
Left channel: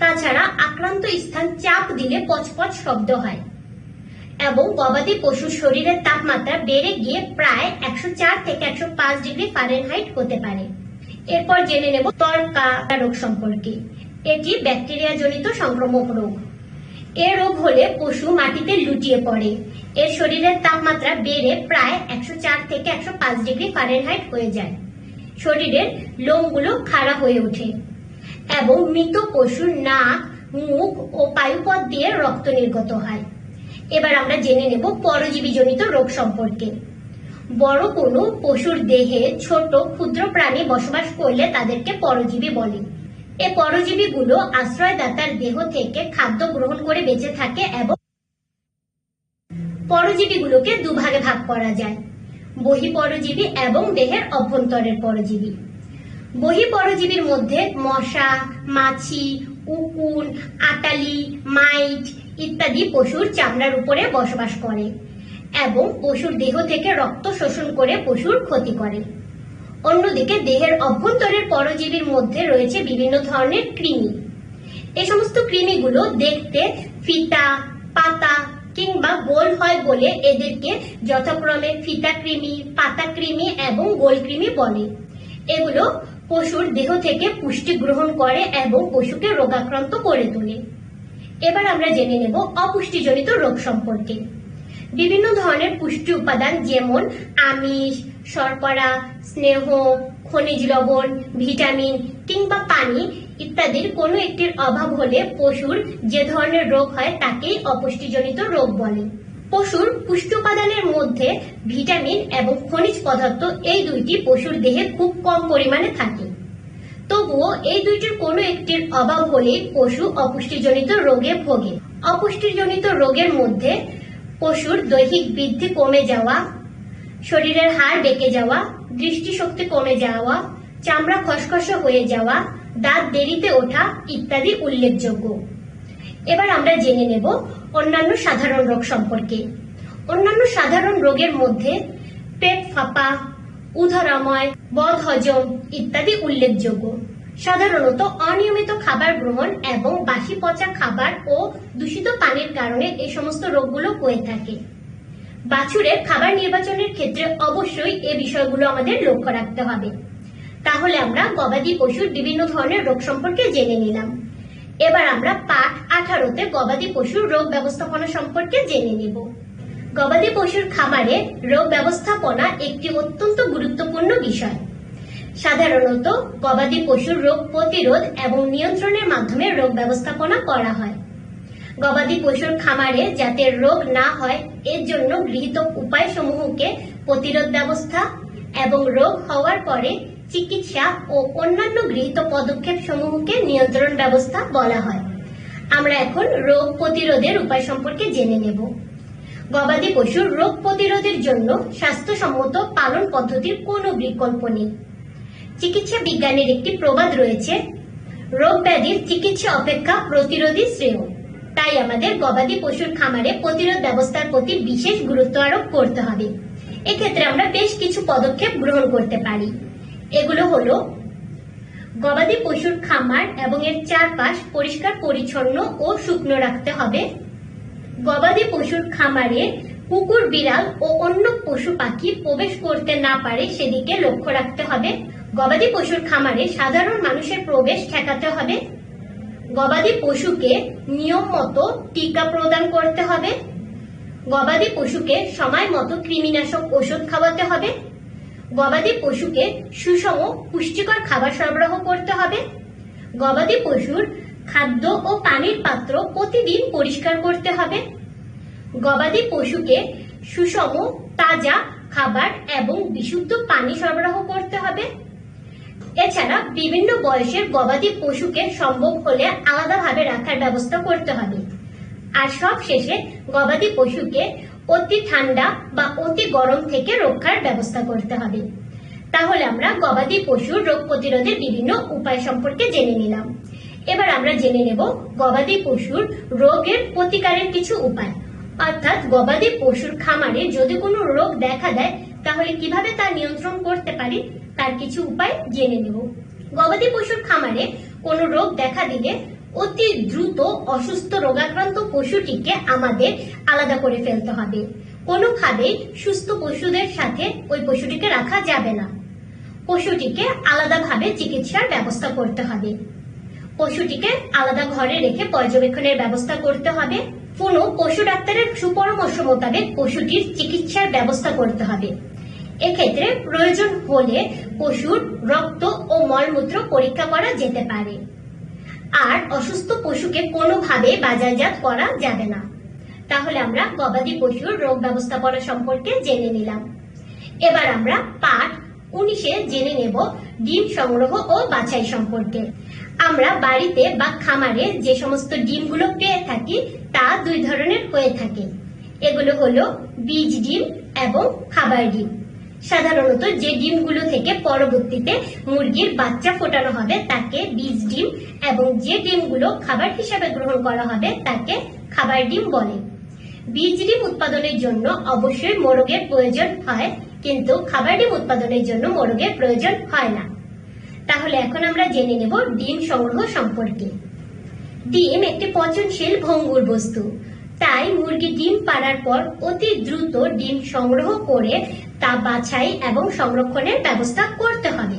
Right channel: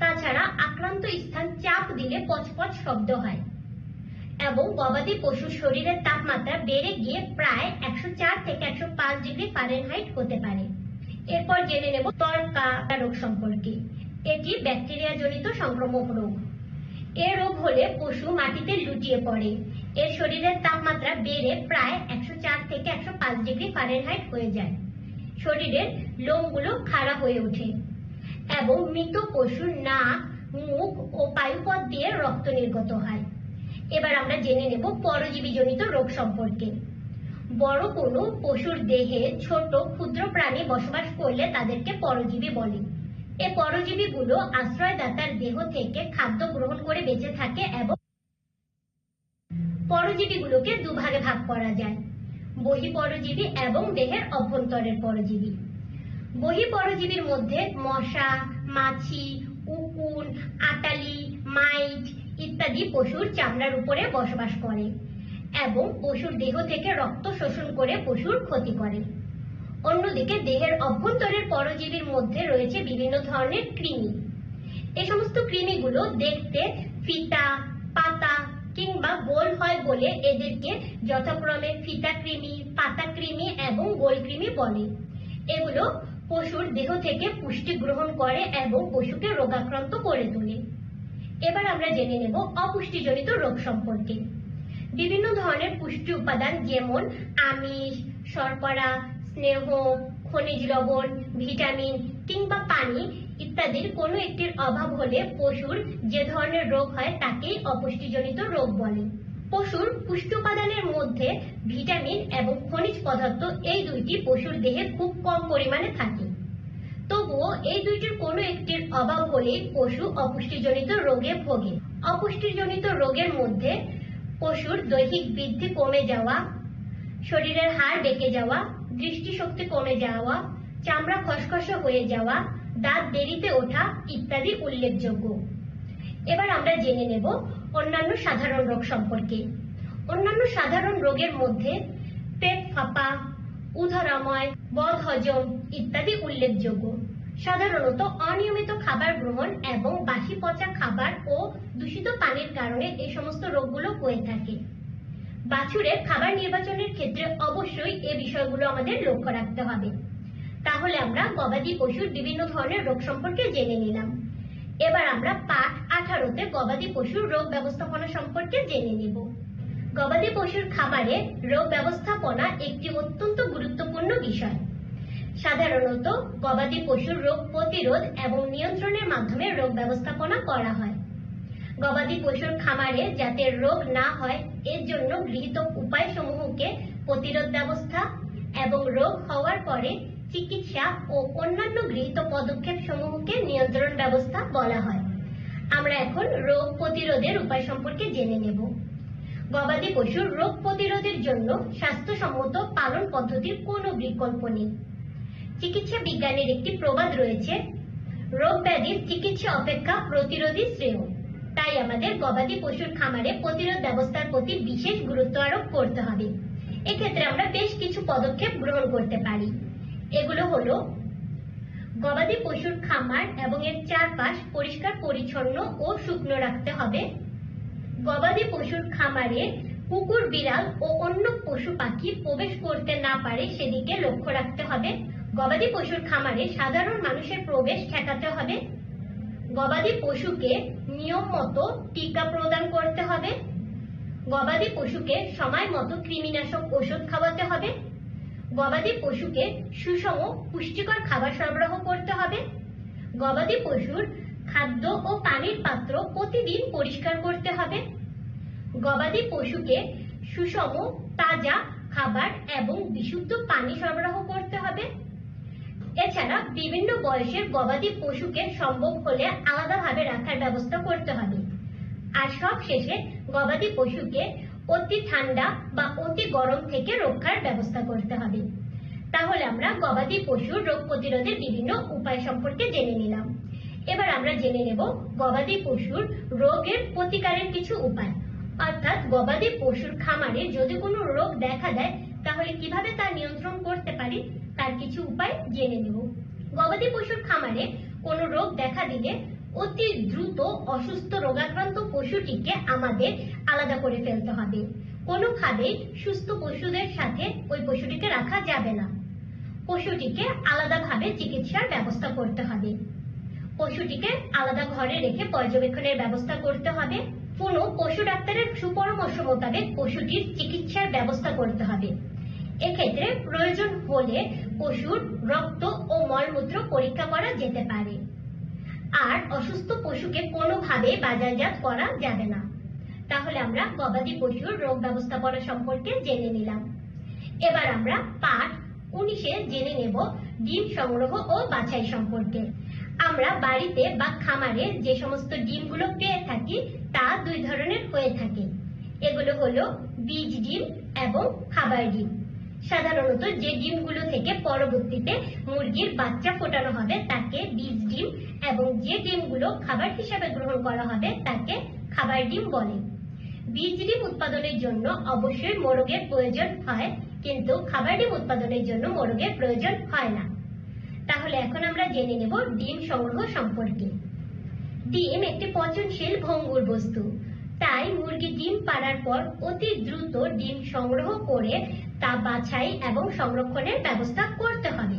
তাছাড়া আক্রান্ত স্থান চাপ দিলে পচপচ শব্দ হয় এবং গবাদি পশুর শরীরের তাপমাত্রা বেড়ে গিয়ে প্রায় 104 থেকে 105 ডিগ্রি ফারেনহাইট হতে পারে। এরপর জেনে নেব তর্কা রোগ সম্পর্কে। এটি ব্যাকটেরিয়া জনিত সংক্রামক রোগ। এ রোগ হলে পশু মাটিতে লুটিয়ে পড়ে। এর শরীরের তাপমাত্রা বেড়ে প্রায় 104 থেকে 105 ডিগ্রি ফারেনহাইট হয়ে যায়। শরীরের লোমগুলো খাড়া হয়ে ওঠে এবং মৃত পশুর নাক, মুখ ও পায়ুপথ দিয়ে রক্ত নির্গত হয়। এবার আমরা জেনে নেব পরজীবী জনিত রোগ সম্পর্কে। বড় কোনো পশুর দেহে ছোট ক্ষুদ্র প্রাণী বসবাস করলে তাদেরকে পরজীবী বলে। এই পরজীবীগুলো আশ্রয়দাতার দেহ থেকে খাদ্য গ্রহণ করে বেঁচে থাকে এবং পরজীবীগুলোকে দুভাগে ভাগ করা যায়: বহিঃপরজীবী এবং দেহের অভ্যন্তরের পরজীবী। বহিঃপরজীবীর মধ্যে মশা, মাছি, উকুন, আটালি, মাইট ইত্যাদি পশুর চামড়ার উপরে বসবাস করে এবং পশুর দেহ থেকে রক্ত শোষণ করে পশুর ক্ষতি করে। অন্যদিকে দেহের অভ্যন্তরের পরজীবীর মধ্যে রয়েছে বিভিন্ন ধরনের কৃমি। এই সমস্ত কৃমিগুলো দেখতে ফিতা, পাতা কিংবা গোল হয় বলে এদেরকে যথাক্রমে ফিতা কৃমি, পাতা কৃমি এবং গোল কৃমি বলে। এগুলো পশুর দেহ থেকে পুষ্টি গ্রহণ করে এবং পশুকে রোগাক্রান্ত করে তোলে। এবার আমরা জেনে নেব অপুষ্টিজনিত রোগ সম্পর্কে। বিভিন্ন ধরনের পুষ্টি উপাদান যেমন আমিষ, শর্করা, স্নেহ, খনিজ লবণ, ভিটামিন কিংবা পানি ইত্যাদির কোনো একটির অভাব হলে পশুর যে ধরনের রোগ হয় তাকেই অপুষ্টিজনিত রোগ বলে। পশুর পুষ্টি উপাদানের মধ্যে ভিটামিন এবং খনিজ পদার্থ এই দুইটি পশুর দেহে খুব কম পরিমাণে থাকে। তবুও এই দুইটির কোনো একটির অভাব হলে পশু অপুষ্টিজনিত রোগে ভোগে। অপুষ্টিজনিত রোগের মধ্যে পশুর দৈহিক বৃদ্ধি কমে যাওয়া, শরীরের হাড় বেঁকে যাওয়া, দৃষ্টিশক্তি কমে যাওয়া, চামড়া খসখসে হয়ে যাওয়া, দাঁত দেরিতে ওঠা ইত্যাদি উল্লেখযোগ্য। এবার আমরা জেনে নেব অন্যান্য সাধারণ রোগ সম্পর্কে। অন্যান্য সাধারণ রোগের মধ্যে পেট ফাঁপা, উদরাময়, বদহজম ইত্যাদি উল্লেখযোগ্য। সাধারণত অনিয়মিত খাবার গ্রহণ এবং বাসি পচা খাবার ও দূষিত পানির কারণে এই সমস্ত রোগগুলো হয়ে থাকে। বাছুরের খাবার নির্বাচনের ক্ষেত্রে অবশ্যই এই বিষয়গুলো আমাদের লক্ষ্য রাখতে হবে। তাহলে আমরা গবাদি পশুর বিভিন্ন ধরনের রোগ সম্পর্কে জেনে নিলাম। এবার আমরা পাঠ 18তে গবাদি পশুর রোগ ব্যবস্থাপনা সম্পর্কে জেনে নেব। গবাদি পশুর খামারে রোগ ব্যবস্থাপনা একটি অত্যন্ত গুরুত্বপূর্ণ বিষয়। সাধারণত গবাদি পশুর রোগ প্রতিরোধ এবং নিয়ন্ত্রণের মাধ্যমে রোগ ব্যবস্থাপনা করা হয়। গবাদি পশুর খামারে যাতে রোগ না হয় এর জন্য গৃহীত উপায়সমূহকে প্রতিরোধ ব্যবস্থা এবং রোগ হওয়ার পরে চিকিৎসা ও অন্যান্য গৃহীত পদক্ষেপ সমূহকে নিয়ন্ত্রণ ব্যবস্থা বলা হয়। আমরা এখন রোগ প্রতিরোধের উপায় সম্পর্কে জেনে নেব। গবাদি পশুর রোগ প্রতিরোধের জন্য স্বাস্থ্যসম্মত পালন পদ্ধতির কোনো বিকল্প নেই। চিকিৎসা বিজ্ঞানের একটি প্রবাদ রয়েছে, রোগ ব্যাধির চিকিৎসা অপেক্ষা প্রতিরোধী শ্রেয়। তাই আমাদের গবাদি পশুর খামারে প্রতিরোধ ব্যবস্থার প্রতি বিশেষ গুরুত্ব আরোপ করতে হবে। এক্ষেত্রে আমরা বেশ কিছু পদক্ষেপ গ্রহণ করতে পারি। এগুলো হলো গবাদি পশুর খামার এবং এর চারপাশ পরিষ্কার পরিচ্ছন্ন ও শুকনো রাখতে হবে। গবাদি পশুর খামারে কুকুর, বিড়াল ও অন্য পশু পাখি প্রবেশ করতে না পারে সেদিকে লক্ষ্য রাখতে হবে। গবাদি পশুর খামারে সাধারণ মানুষের প্রবেশ ঠেকাতে হবে। গবাদি পশুকে নিয়ম মতো টিকা প্রদান করতে হবে। গবাদি পশুকে সময় মতো কৃমিনাশক ওষুধ খাওয়াতে হবে। গবাদি পশুকে সুষম পুষ্টিকর খাবার সরবরাহ করতে হবে। গবাদি পশুর খাদ্য ও পানির পাত্র প্রতিদিন পরিষ্কার করতে হবে। গবাদি পশুকে সুষম তাজা খাবার এবং বিশুদ্ধ পানি সরবরাহ করতে হবে। এছাড়া বিভিন্ন বয়সের গবাদি পশুকে সম্ভব হলে আলাদাভাবে রাখার ব্যবস্থা করতে হবে। আর সব শেষে গবাদি পশুকে অতি ঠান্ডা বা অতি গরম থেকে রক্ষার ব্যবস্থা করতে হবে। তাহলে আমরা গবাদি পশুর রোগ প্রতিরোধের বিভিন্ন উপায় সম্পর্কে জেনে নিলাম। এবার আমরা জেনে নেব গবাদি পশুর রোগের প্রতিকারের কিছু উপায়, অর্থাৎ গবাদি পশুর খামারে যদি কোনো রোগ দেখা দেয় তাহলে কিভাবে তা নিয়ন্ত্রণ করতে পারি তার কিছু উপায় জেনে নেব। গবাদি পশুর খামারে কোনো রোগ দেখা দিলে অতি দ্রুত অসুস্থ রোগাক্রান্ত পশুটিকে আমাদের আলাদা করে ফেলতে হবে। কোনোভাবেই সুস্থ পশুদের সাথে ওই পশুটিকে রাখা যাবে না। পশুটিকে আলাদাভাবে চিকিৎসার ব্যবস্থা করতে হবে। পশুটিকে আলাদা ঘরে রেখে পর্যবেক্ষণের ব্যবস্থা করতে হবে। কোনো পশু ডাক্তারের সুপরামর্শ মোতাবেক পশুটির চিকিৎসার ব্যবস্থা করতে হবে। এক্ষেত্রে প্রয়োজন হলে পশুর রক্ত ও মলমূত্র পরীক্ষা করা যেতে পারে। আর অসুস্থ পশুকে কোনোভাবে বাজারজাত করা যাবে না। তাহলে আমরা গবাদি পশুর রোগ ব্যবস্থাপনা সম্পর্কে জেনে নিলাম। এবার আমরা পাঠ 19-এ জেনে নেব ডিম সংগ্রহ ও বাছাই সম্পর্কে। আমরা বাড়িতে বা খামারে যে সমস্ত ডিমগুলো পেয়ে থাকি তা দুই ধরনের হয়ে থাকে। এগুলো হলো বীজ ডিম এবং খাবার ডিম। সাধারণত যে ডিমগুলো থেকে পরবর্তীতে মুরগির বাচ্চা ফোটানো হবে তাকে বীজ ডিম, এবং যে ডিমগুলো খাবার হিসাবে গ্রহণ করা হবে তাকে খাবার ডিম বলে। বীজ ডিম উৎপাদনের জন্য অবশ্যই মোরগের প্রয়োজন হয়, কিন্তু খাবার ডিম উৎপাদনের জন্য মোরগের প্রয়োজন হয় না। তাহলে এখন আমরা জেনে নেব ডিম সংগ্রহ সম্পর্কে। ডিম একটি পচনশীল ভঙ্গুর বস্তু, তাই মুরগি ডিম পাড়ার পর অতি দ্রুত ডিম সংগ্রহ করে তা বাছাই এবং সংরক্ষণের ব্যবস্থা করতে হবে।